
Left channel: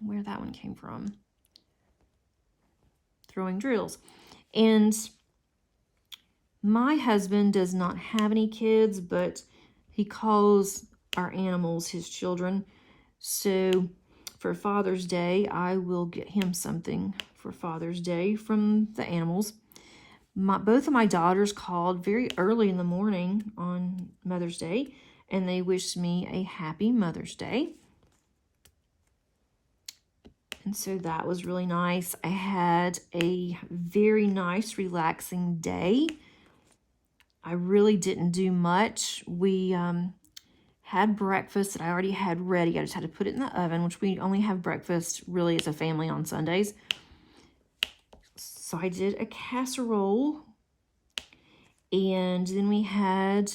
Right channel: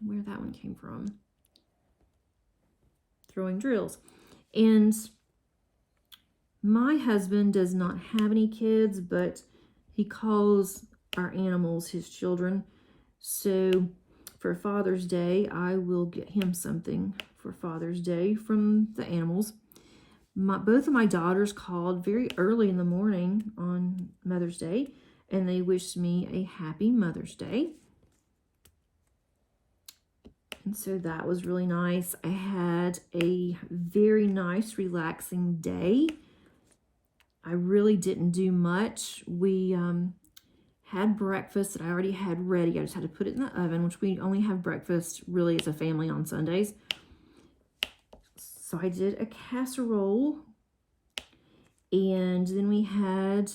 Where that one came from. Throwing drills. And my husband does not have any kids, but he calls our animals his children. So for Father's Day, I will get him something for Father's Day from the animals. Both of my daughters called very early in the morning on Mother's Day, and they wished me a happy Mother's Day. And so that was really nice. I had a very nice, relaxing day. I really didn't do much. We had breakfast that I already had ready. I just had to put it in the oven, which we only have breakfast really as a family on Sundays. So I did a casserole, and then we had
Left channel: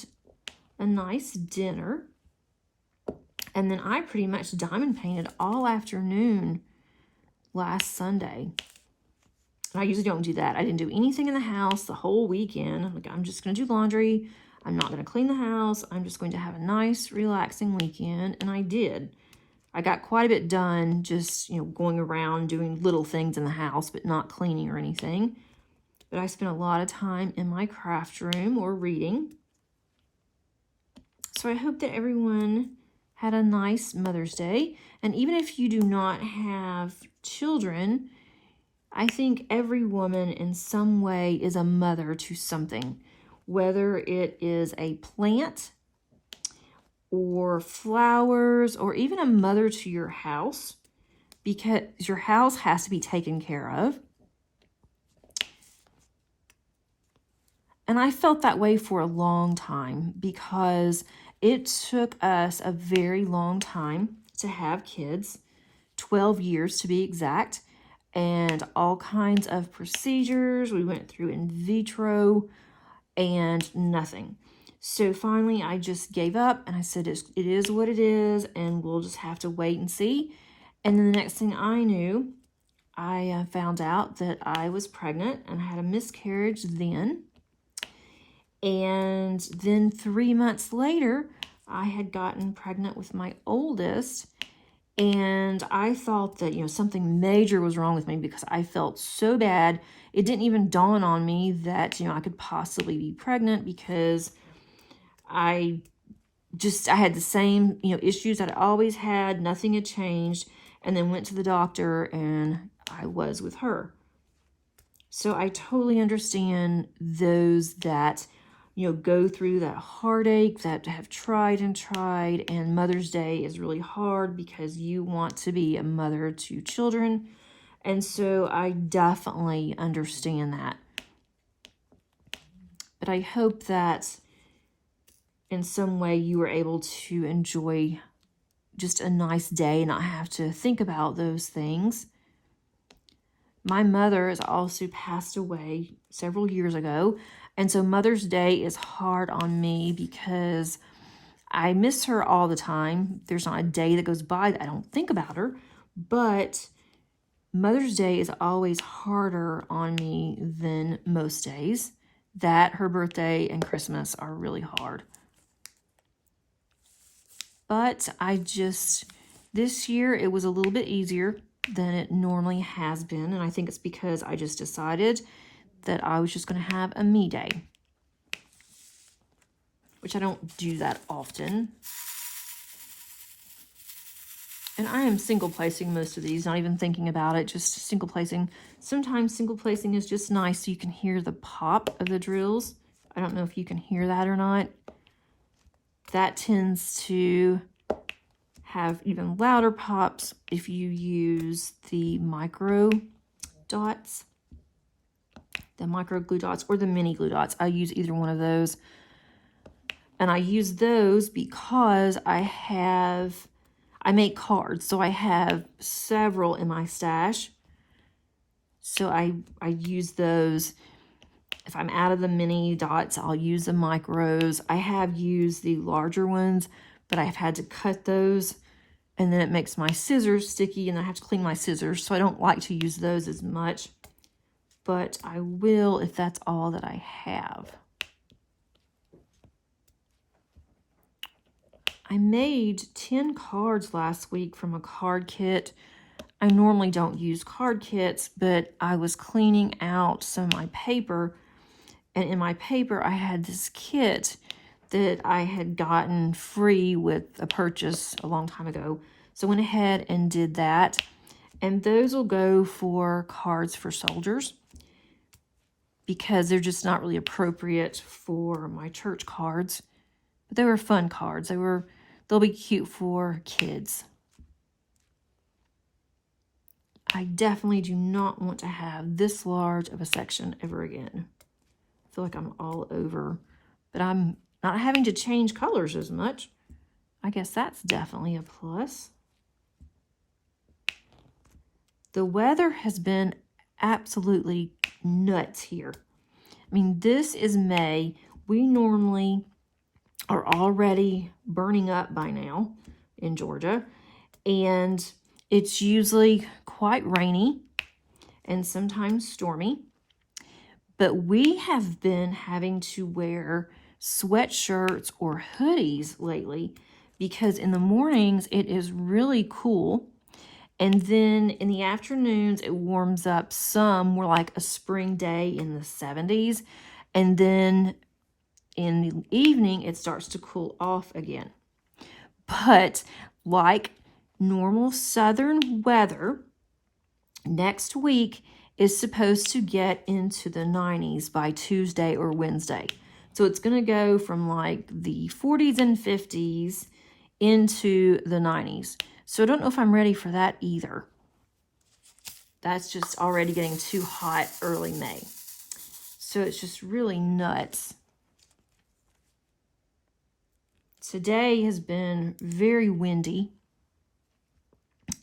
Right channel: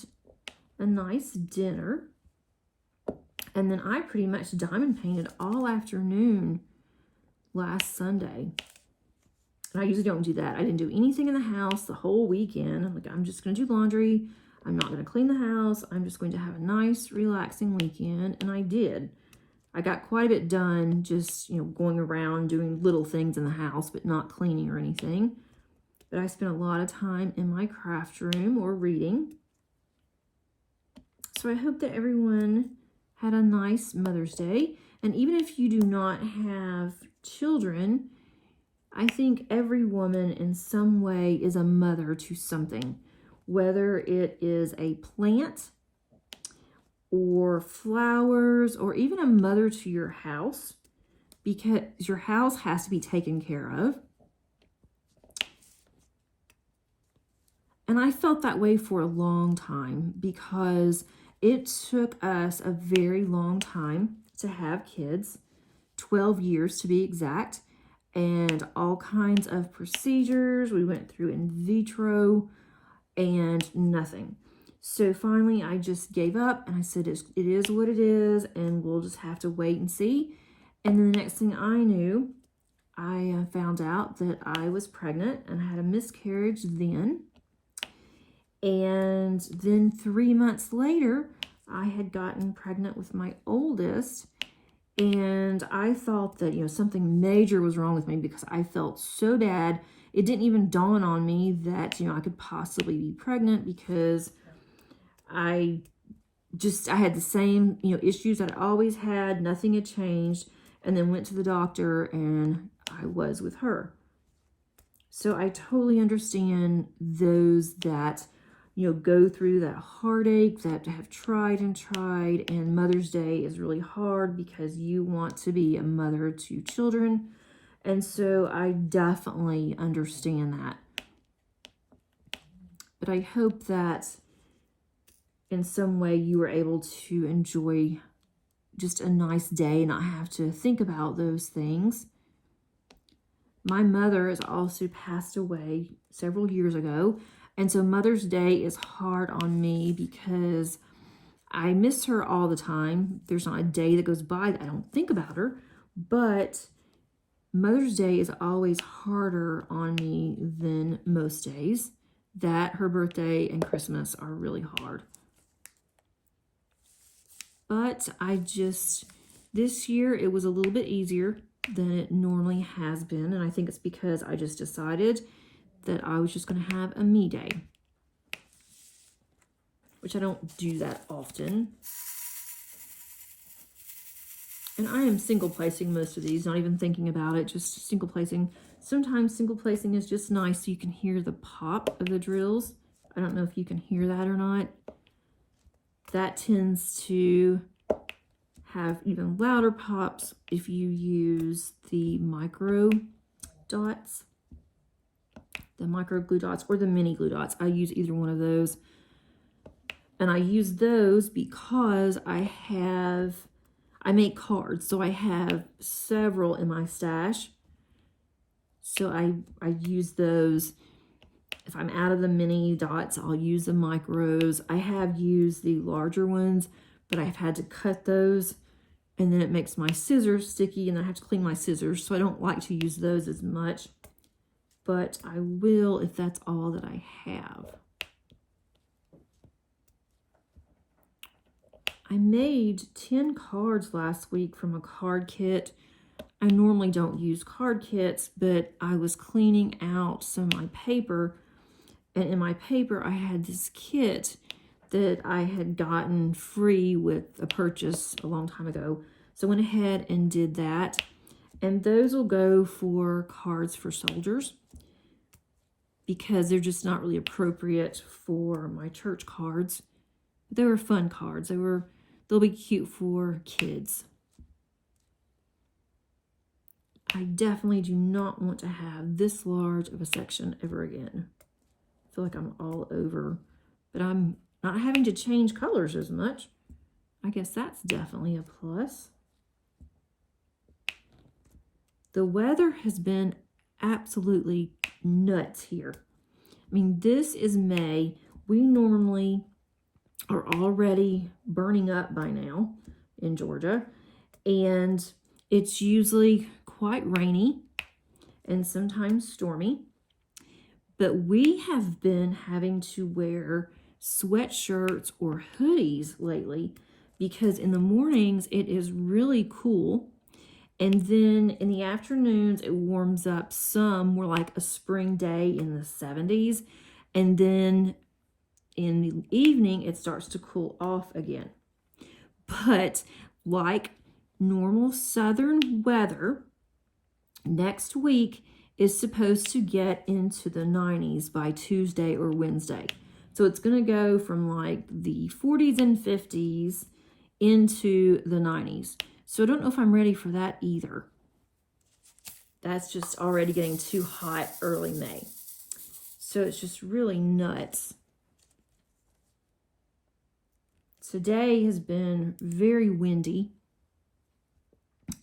a nice dinner. And then I pretty much diamond painted all afternoon last Sunday. And I usually don't do that. I didn't do anything in the house the whole weekend. I'm like, I'm just going to do laundry. I'm not going to clean the house. I'm just going to have a nice, relaxing weekend. And I did. I got quite a bit done just, going around doing little things in the house, but not cleaning or anything. But I spent a lot of time in my craft room or reading. So I hope that everyone had a nice Mother's Day. And even if you do not have children, I think every woman in some way is a mother to something, whether it is a plant or flowers or even a mother to your house, because your house has to be taken care of. And I felt that way for a long time because it took us a very long time to have kids, 12 years to be exact, and all kinds of procedures. We went through in vitro and nothing. So finally I just gave up and I said, it is what it is, and we'll just have to wait and see. And then the next thing I knew, I found out that I was pregnant and I had a miscarriage then. And then 3 months later, I had gotten pregnant with my oldest. And I thought that, something major was wrong with me because I felt so bad. It didn't even dawn on me that, I could possibly be pregnant because I had the same, issues that I always had. Nothing had changed. And then went to the doctor and I was with her. So I totally understand those that, go through that heartache, that have tried and tried. And Mother's Day is really hard because you want to be a mother to children. And so I definitely understand that. But I hope that in some way you were able to enjoy just a nice day and not have to think about those things. My mother has also passed away several years ago, and so Mother's Day is hard on me because I miss her all the time. There's not a day that goes by that I don't think about her, but Mother's Day is always harder on me than most days. That, her birthday, and Christmas are really hard. But this year it was a little bit easier than it normally has been, and I think it's because I just decided that I was just going to have a me day, which I don't do that often. And I am single placing most of these, not even thinking about it, just single placing. Sometimes single placing is just nice so you can hear the pop of the drills. I don't know if you can hear that or not. That tends to have even louder pops if you use the micro dots, the micro glue dots or the mini glue dots. I use either one of those. And I use those because I make cards, so I have several in my stash. So I use those. If I'm out of the mini dots, I'll use the micros. I have used the larger ones, but I've had to cut those, and then it makes my scissors sticky, and I have to clean my scissors, so I don't like to use those as much. But I will if that's all that I have. I made 10 cards last week from a card kit. I normally don't use card kits, but I was cleaning out some of my paper, and in my paper I had this kit that I had gotten free with a purchase a long time ago. So I went ahead and did that. And those will go for cards for soldiers because they're just not really appropriate for my church cards. But they were fun cards. They'll be cute for kids. I definitely do not want to have this large of a section ever again. I feel like I'm all over, but I'm not having to change colors as much. I guess that's definitely a plus. The weather has been absolutely nuts here. I mean, this is May. We normally are already burning up by now in Georgia, and it's usually quite rainy and sometimes stormy. But we have been having to wear sweatshirts or hoodies lately because in the mornings it is really cool. And then in the afternoons it warms up some, more like a spring day in the 70s. And then in the evening it starts to cool off again. But like normal southern weather, next week is supposed to get into the 90s by Tuesday or Wednesday. So it's going to go from like the 40s and 50s into the 90s. So I don't know if I'm ready for that either. That's just already getting too hot early May. So it's just really nuts. Today has been very windy,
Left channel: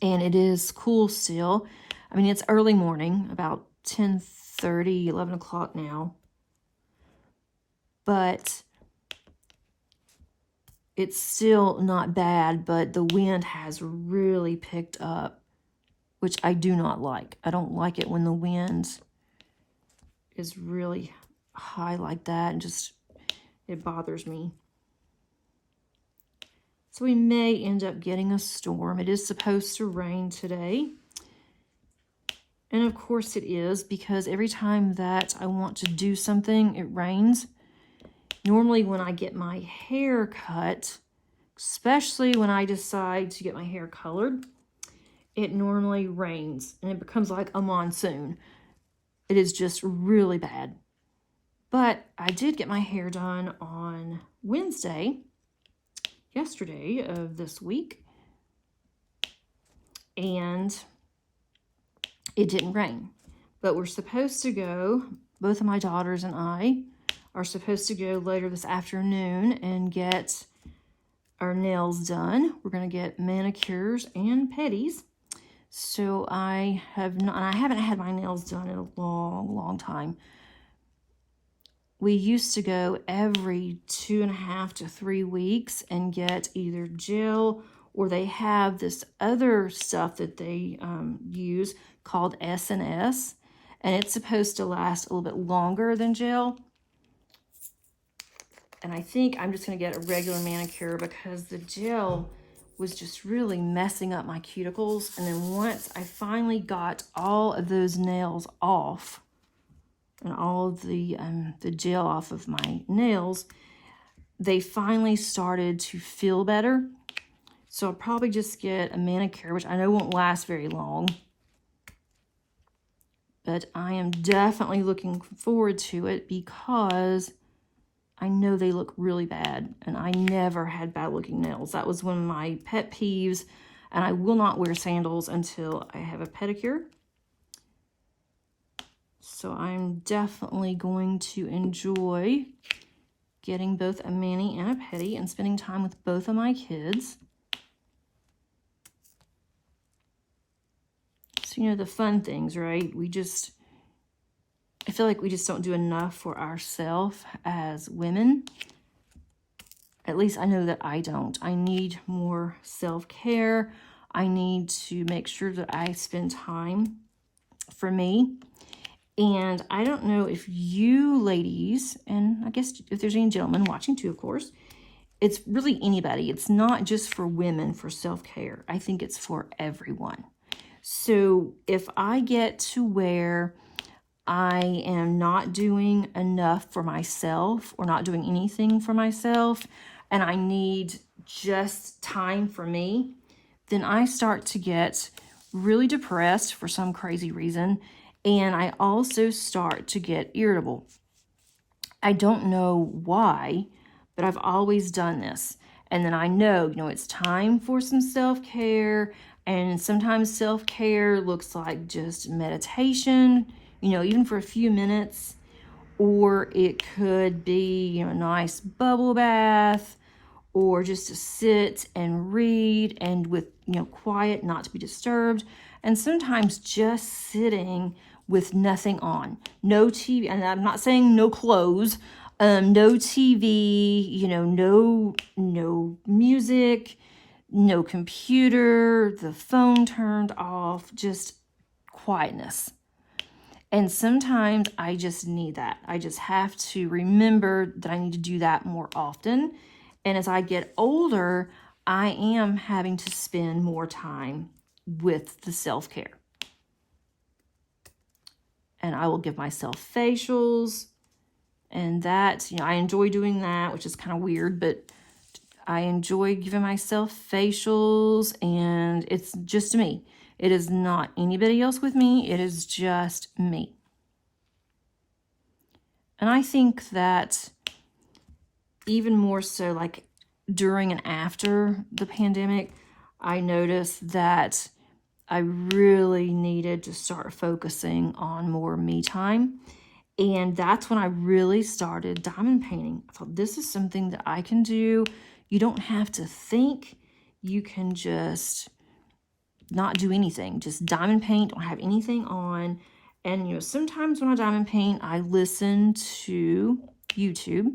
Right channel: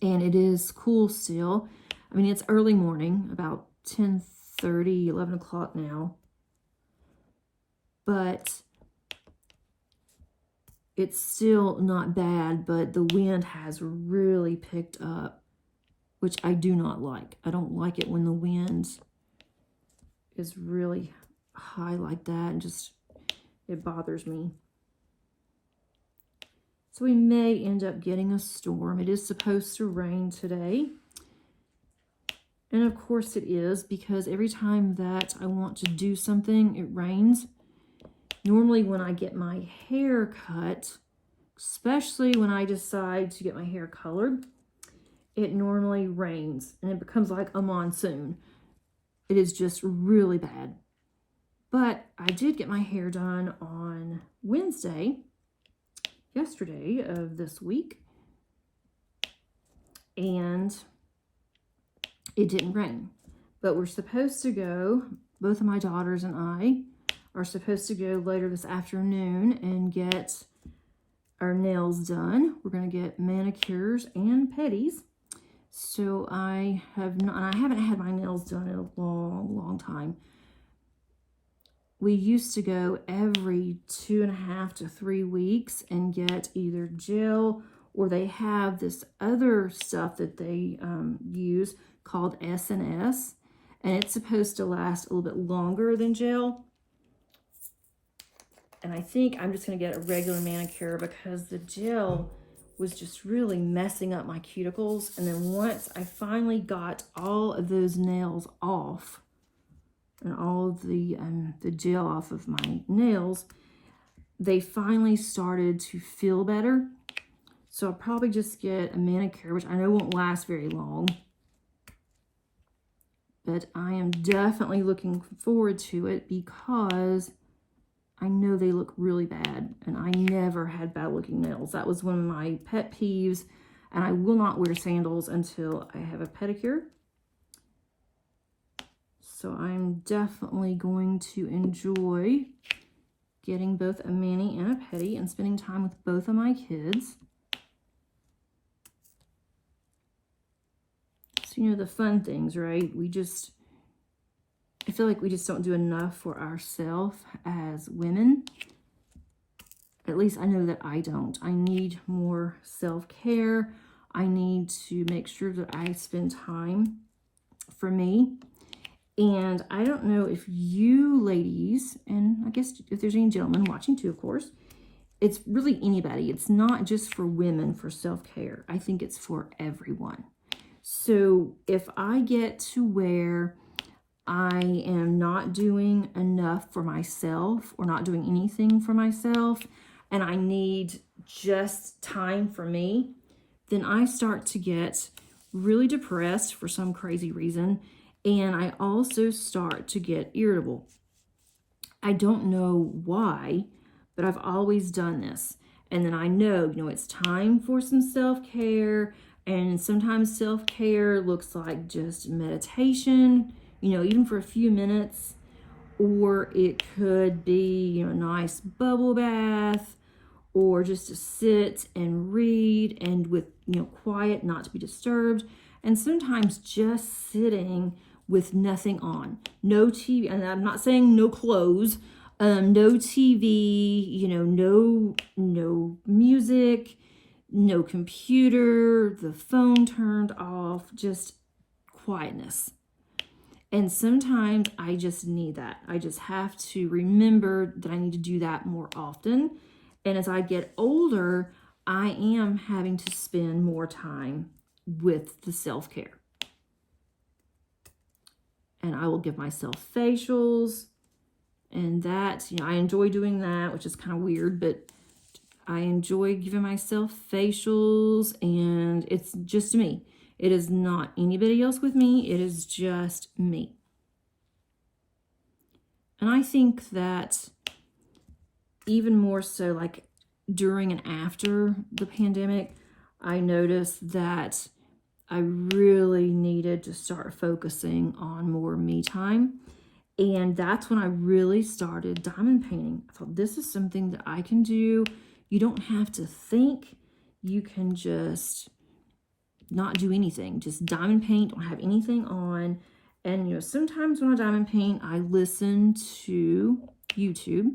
and it is cool still. I mean, it's early morning, about 10:30, 11 o'clock now. But it's still not bad, but the wind has really picked up, which I do not like. I don't like it when the wind is really high like that, and just, it bothers me. So we may end up getting a storm. It is supposed to rain today. And of course it is, because every time that I want to do something, it rains. Normally when I get my hair cut, especially when I decide to get my hair colored, it normally rains and it becomes like a monsoon. It is just really bad. But I did get my hair done on Wednesday, yesterday of this week, and it didn't rain. But we're supposed to go, both of my daughters and I, are supposed to go later this afternoon and get our nails done. We're going to get manicures and pedis. So I haven't had my nails done in a long, long time. We used to go every 2.5 to 3 weeks and get either gel, or they have this other stuff that they use called S&S, and it's supposed to last a little bit longer than gel. And I think I'm just going to get a regular manicure because the gel was just really messing up my cuticles. And then once I finally got all of those nails off and all of the gel off of my nails, they finally started to feel better. So I'll probably just get a manicure, which I know won't last very long. But I am definitely looking forward to it because I know they look really bad, and I never had bad looking nails. That was one of my pet peeves, and I will not wear sandals until I have a pedicure. So I'm definitely going to enjoy getting both a mani and a pedi and spending time with both of my kids. So, you know, the fun things, right? I feel like we just don't do enough for ourselves as women. At least I know that I don't. I need more self-care. I need to make sure that I spend time for me. And I don't know if you ladies, and I guess if there's any gentlemen watching too, of course, it's really anybody. It's not just for women for self-care. I think it's for everyone. So if I get to where I am not doing enough for myself or not doing anything for myself, and I need just time for me, then I start to get really depressed for some crazy reason. And I also start to get irritable. I don't know why, but I've always done this. And then I know, it's time for some self-care. And sometimes self-care looks like just meditation, even for a few minutes. Or it could be, a nice bubble bath, or just to sit and read and with, quiet, not to be disturbed. And sometimes just sitting with nothing on, no TV, and I'm not saying no clothes, no TV, no music, no computer, the phone turned off, just quietness. And sometimes I just need that. I just have to remember that I need to do that more often. And as I get older, I am having to spend more time with the self-care. And I will give myself facials, and that, I enjoy doing that, which is kind of weird, but I enjoy giving myself facials, and it's just me. It is not anybody else with me. It is just me. And I think that even more so, like during and after the pandemic, I noticed that I really needed to start focusing on more me time. And that's when I really started diamond painting. I thought, this is something that I can do. You don't have to think. You can just not do anything. Just diamond paint, don't have anything on. And, sometimes when I diamond paint, I listen to YouTube.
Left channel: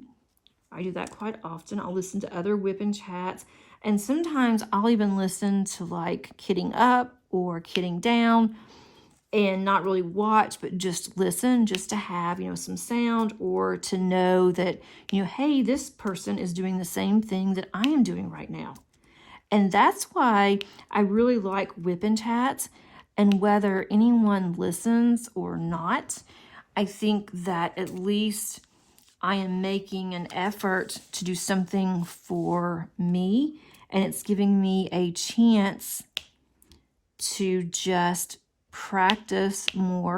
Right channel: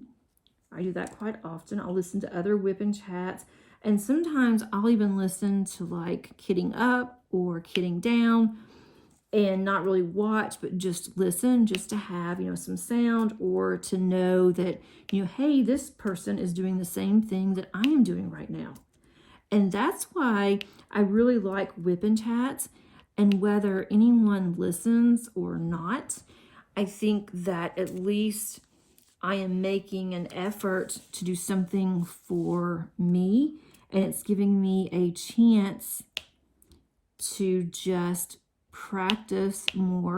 I do that quite often. I'll listen to other WIP Chats. And sometimes I'll even listen to like Kidding Up or Kidding Down, and not really watch, but just listen, just to have, some sound, or to know that, hey, this person is doing the same thing that I am doing right now. And that's why I really like WIP Chats. And whether anyone listens or not, I think that at least I am making an effort to do something for me, and it's giving me a chance to just practice more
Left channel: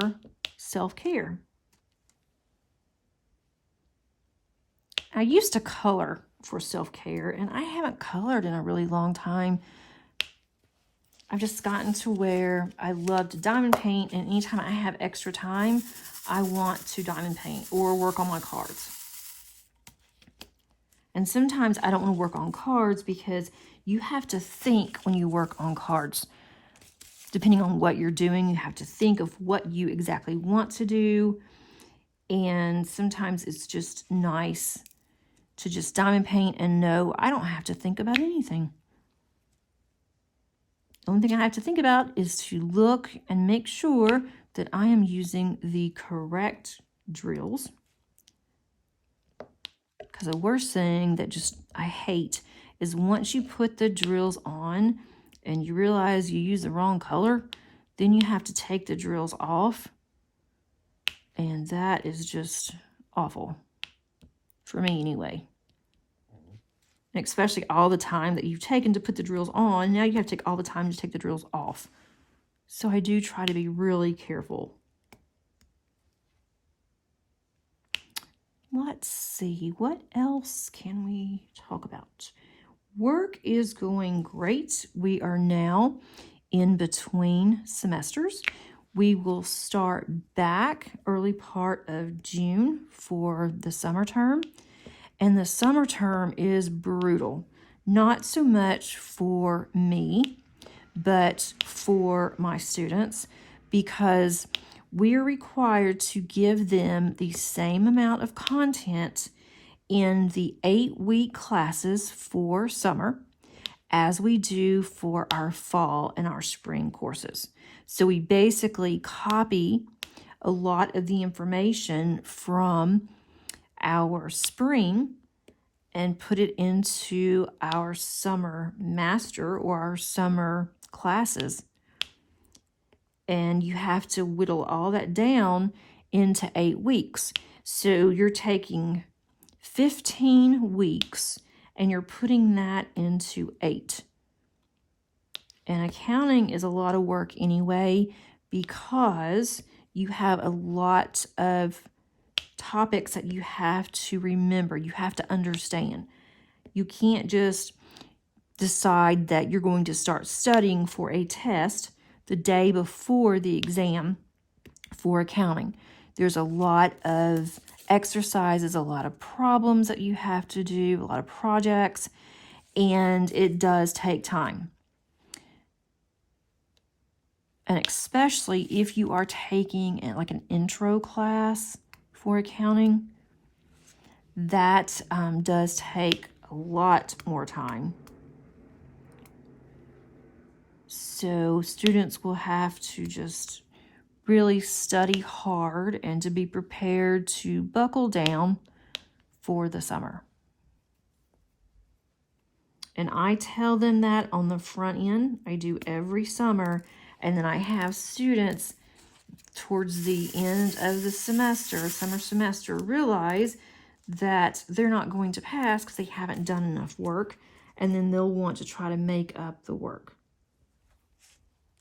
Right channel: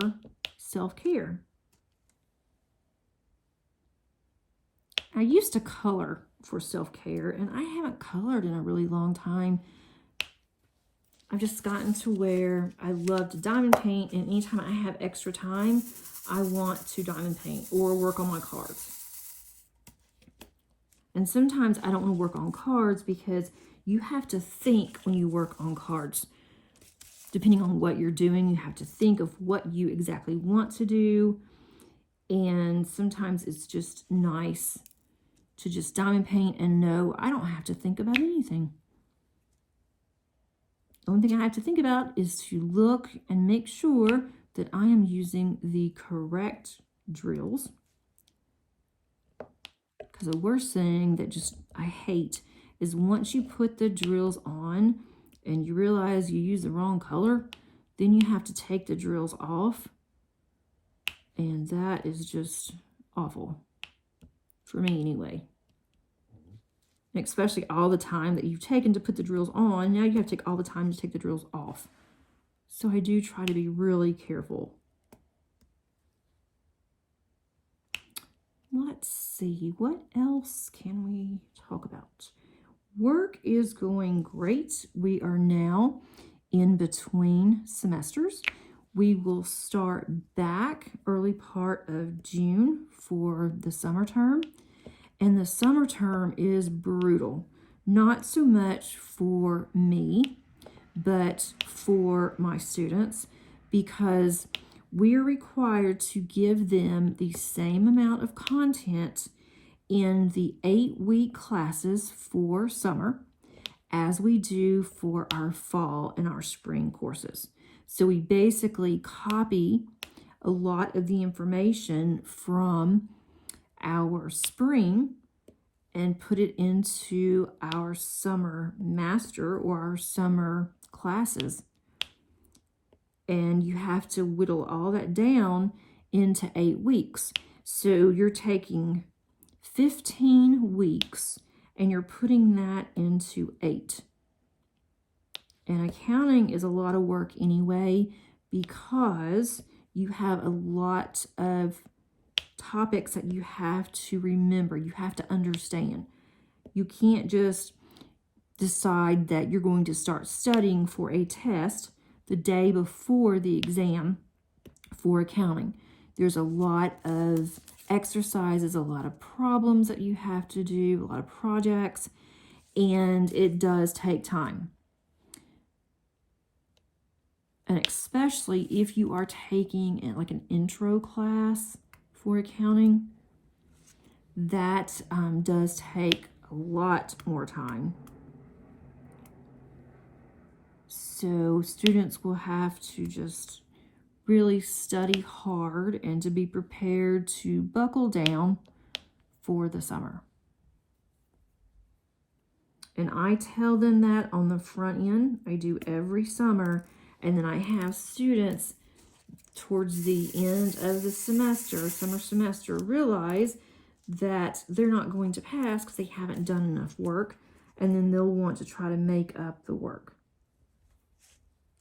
self-care. I used to color for self-care, and I haven't colored in a really long time. I've just gotten to where I love to diamond paint, and anytime I have extra time, I want to diamond paint or work on my cards. And sometimes I don't want to work on cards because you have to think when you work on cards. Depending on what you're doing, you have to think of what you exactly want to do. And sometimes it's just nice to just diamond paint and know I don't have to think about anything. The only thing I have to think about is to look and make sure that I am using the correct drills. Because the worst thing that just I hate is once you put the drills on and you realize you use the wrong color, then you have to take the drills off. And that is just awful. For me anyway. And especially all the time that you've taken to put the drills on, now you have to take all the time to take the drills off. So I do try to be really careful. Let's see, what else can we talk about? Work is going great. We are now in between semesters. We will start back early part of June for the summer term. And the summer term is brutal. Not so much for me, but for my students, because we're required to give them the same amount of content in the 8-week classes for summer as we do for our fall and our spring courses. So we basically copy a lot of the information from our spring and put it into our summer master or our summer classes. And you have to whittle all that down into 8 weeks. So you're taking 15 weeks and you're putting that into 8. And accounting is a lot of work anyway, because you have a lot of topics that you have to remember, you have to understand. You can't just decide that you're going to start studying for a test the day before the exam for accounting. There's a lot of exercises, a lot of problems that you have to do, a lot of projects, and it does take time. And especially if you are taking like an intro class for accounting, that does take a lot more time. So students will have to just really study hard and to be prepared to buckle down for the summer. And I tell them that on the front end. I do every summer. And then I have students towards the end of the semester, summer semester, realize that they're not going to pass because they haven't done enough work. And then they'll want to try to make up the work.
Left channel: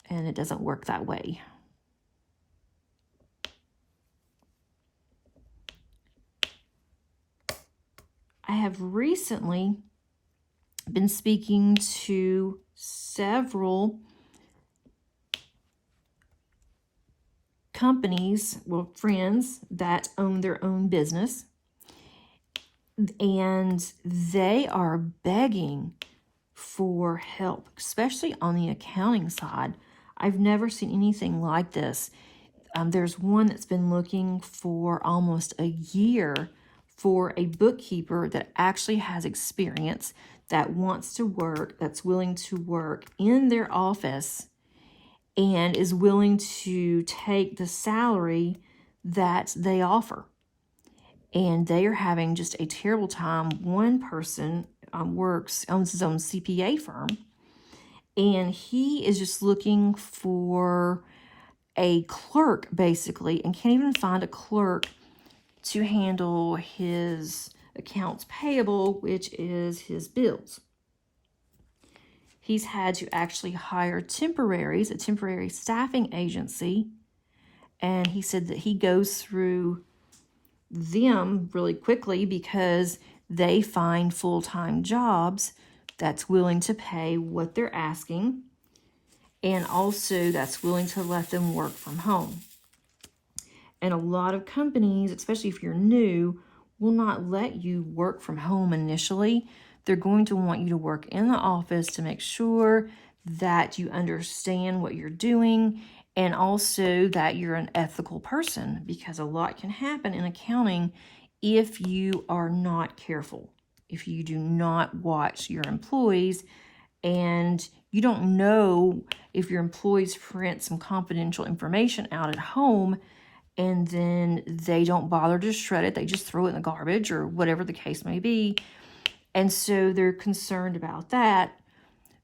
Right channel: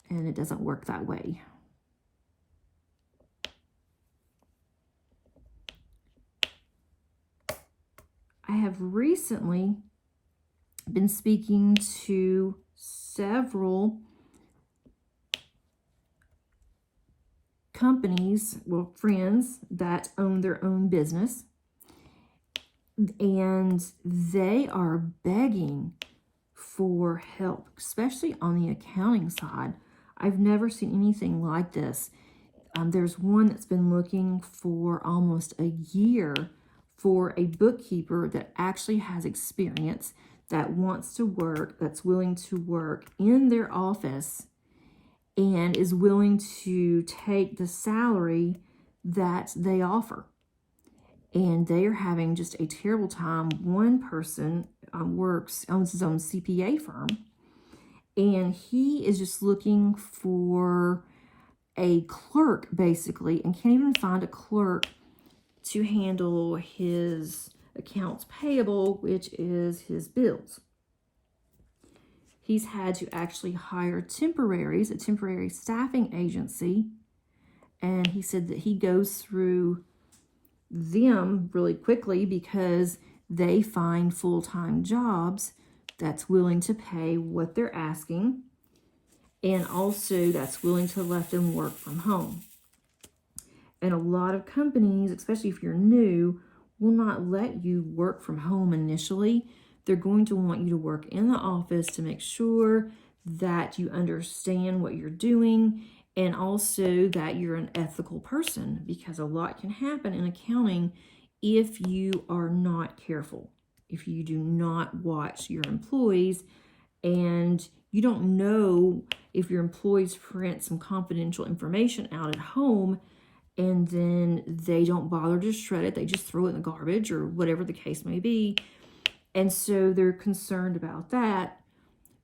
And it doesn't work that way. I have recently been speaking to several companies, well, friends that own their own business, and they are begging for help, especially on the accounting side. I've never seen anything like this. There's one that's been looking for almost a year for a bookkeeper that actually has experience, that wants to work, that's willing to work in their office, and is willing to take the salary that they offer. And they are having just a terrible time. One person owns his own CPA firm, and he is just looking for a clerk, basically, and can't even find a clerk to handle his accounts payable, which is his bills. He's had to actually hire temporaries, a temporary staffing agency, and he said that he goes through them really quickly because they find full-time jobs that's willing to pay what they're asking, and also that's willing to let them work from home. And a lot of companies, especially if you're new, will not let you work from home initially. They're going to want you to work in the office to make sure that you understand what you're doing and also that you're an ethical person, because a lot can happen in accounting if you are not careful, if you do not watch your employees, and you don't know if your employees print some confidential information out at home and then they don't bother to shred it. They just throw it in the garbage or whatever the case may be. And so they're concerned about that.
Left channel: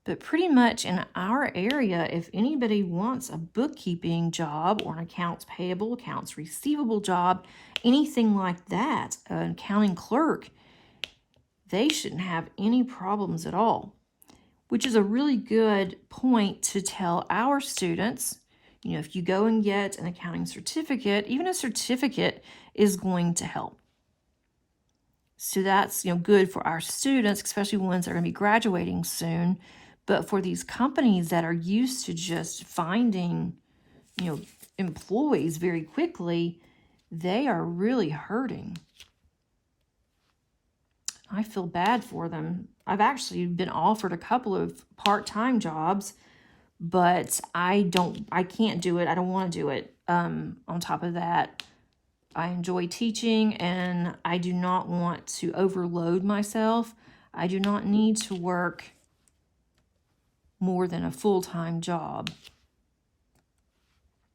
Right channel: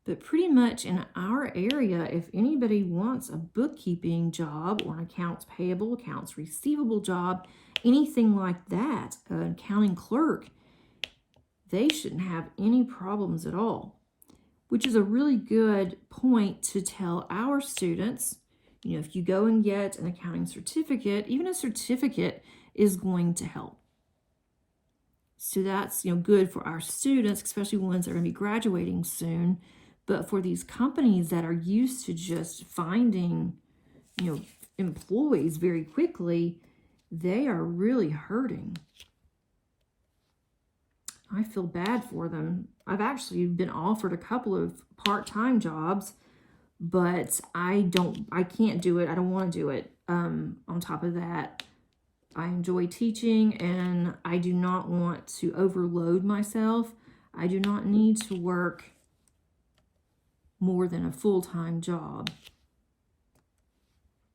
But pretty much in our area, if anybody wants a bookkeeping job or an accounts payable, accounts receivable job, anything like that, an accounting clerk, they shouldn't have any problems at all, which is a really good point to tell our students. You know, if you go and get an accounting certificate, even a certificate is going to help. So that's, you know, good for our students, especially ones that are going to be graduating soon. But for these companies that are used to just finding, you know, employees very quickly, they are really hurting. I feel bad for them. I've actually been offered a couple of part-time jobs, but I can't do it. I don't want to do it. On top of that, I enjoy teaching and I do not want to overload myself. I do not need to work more than a full-time job.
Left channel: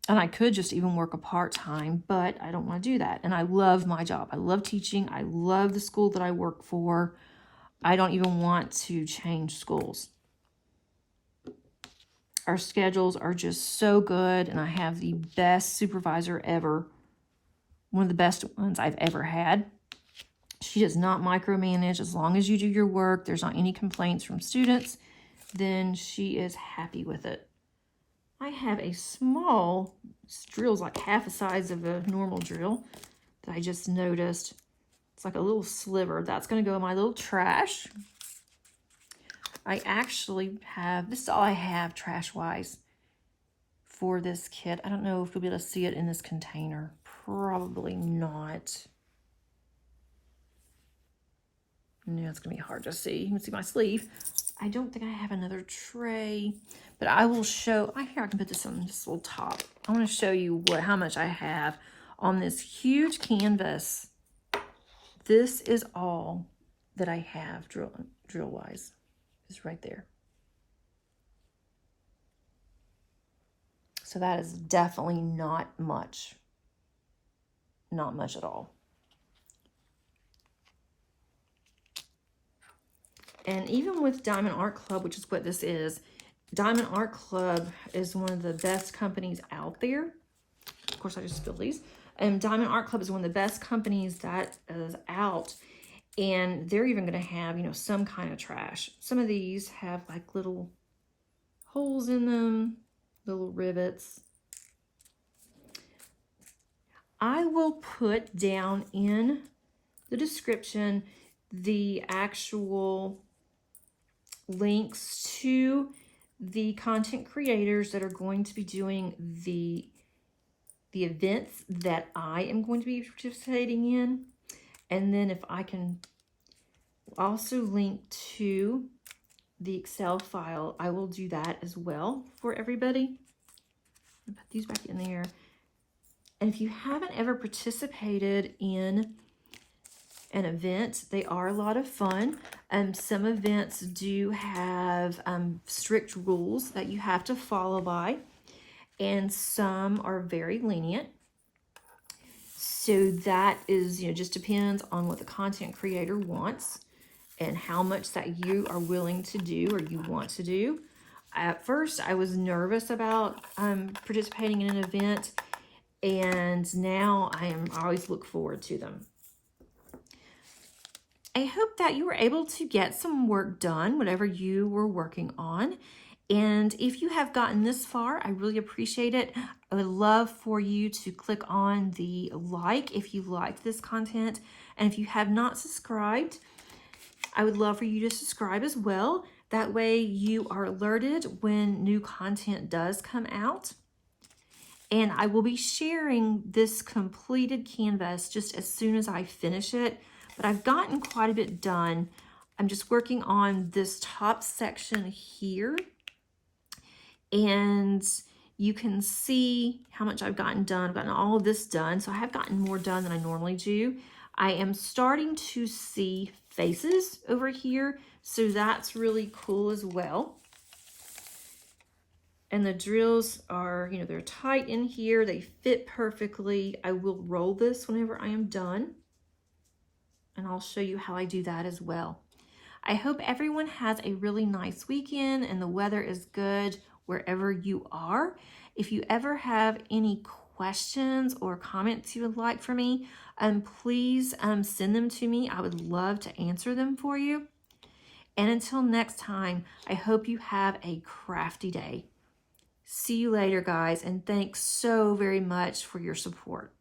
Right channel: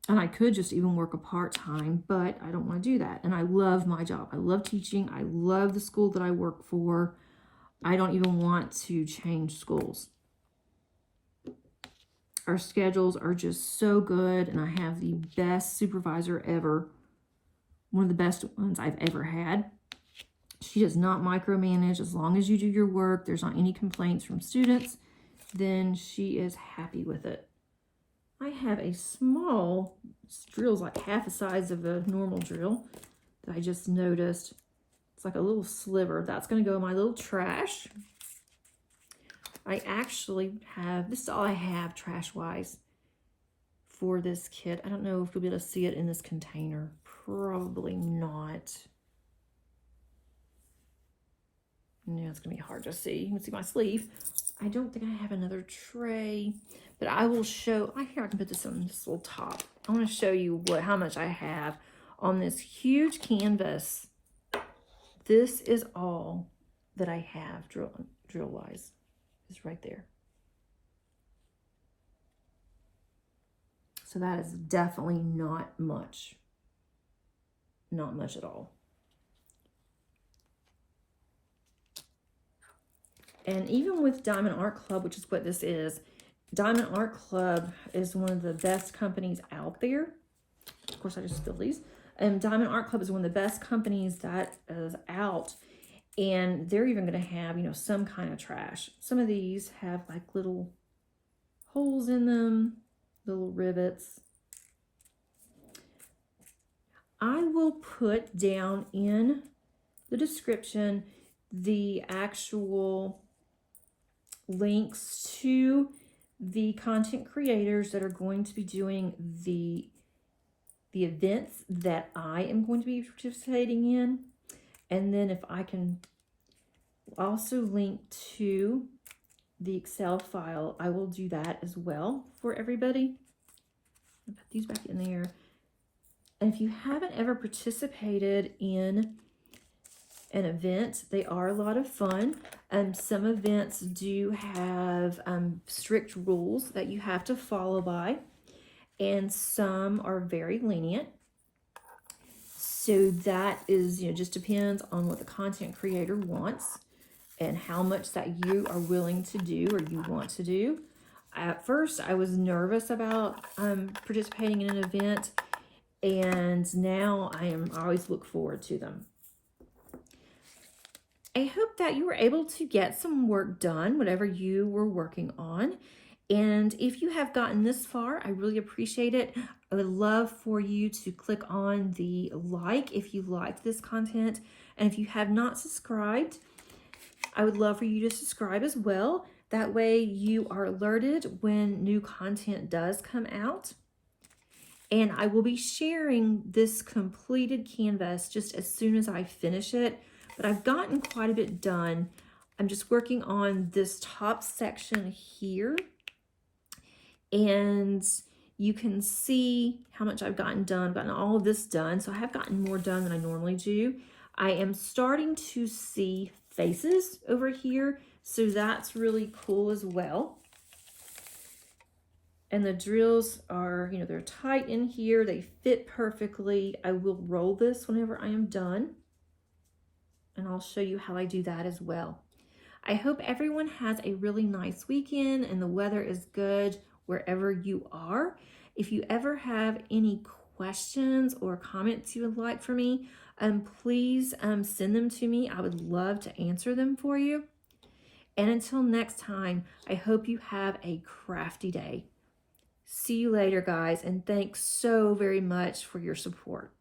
And I could just even work a part-time, but I don't want to do that. And I love my job. I love teaching. I love the school that I work for. I don't even want to change schools. Our schedules are just so good, and I have the best supervisor ever. One of the best ones I've ever had. She does not micromanage. As long as you do your work, there's not any complaints from students, then she is happy with it. I have a small, this drill's like half the size of a normal drill that I just noticed. It's like a little sliver. That's going to go in my little trash. I actually have, this is all I have trash-wise for this kit. I don't know if you'll be able to see it in this container. Probably not. Yeah, it's going to be hard to see. You can see my sleeve. I don't think I have another tray, but I will show. Here, I can put this on this little top. I want to show you how much I have on this huge canvas. This is all that I have drill-wise. It's right there. So that is definitely not much. Not much at all. And even with Diamond Art Club, which is what this is, Diamond Art Club is one of the best companies out there. Of course, I just spilled these. And Diamond Art Club is one of the best companies that is out. And they're even going to have, you know, some kind of trash. Some of these have like little holes in them, little rivets. I will put down in the description the actual links to the content creators that are going to be doing the events that I am going to be participating in. And then if I can also link to the Excel file, I will do that as well for everybody. I'll put these back in there. And if you haven't ever participated in an event, they are a lot of fun. Some events do have strict rules that you have to follow by, and some are very lenient. So that is, you know, just depends on what the content creator wants and how much that you are willing to do or you want to do. At first, I was nervous about participating in an event, and now I always look forward to them. I hope that you were able to get some work done, whatever you were working on. And if you have gotten this far, I really appreciate it. I would love for you to click on the like if you liked this content. And if you have not subscribed, I would love for you to subscribe as well. That way you are alerted when new content does come out. And I will be sharing this completed canvas just as soon as I finish it. But I've gotten quite a bit done. I'm just working on this top section here. And you can see how much I've gotten done. I've gotten all of this done. So I have gotten more done than I normally do. I am starting to see faces over here. So that's really cool as well. And the drills are, you know, they're tight in here. They fit perfectly. I will roll this whenever I am done. And I'll show you how I do that as well. I hope everyone has a really nice weekend and the weather is good wherever you are. If you ever have any questions or comments you would like for me, please send them to me. I would love to answer them for you. And until next time, I hope you have a crafty day. See you later, guys, and thanks so very much for your support.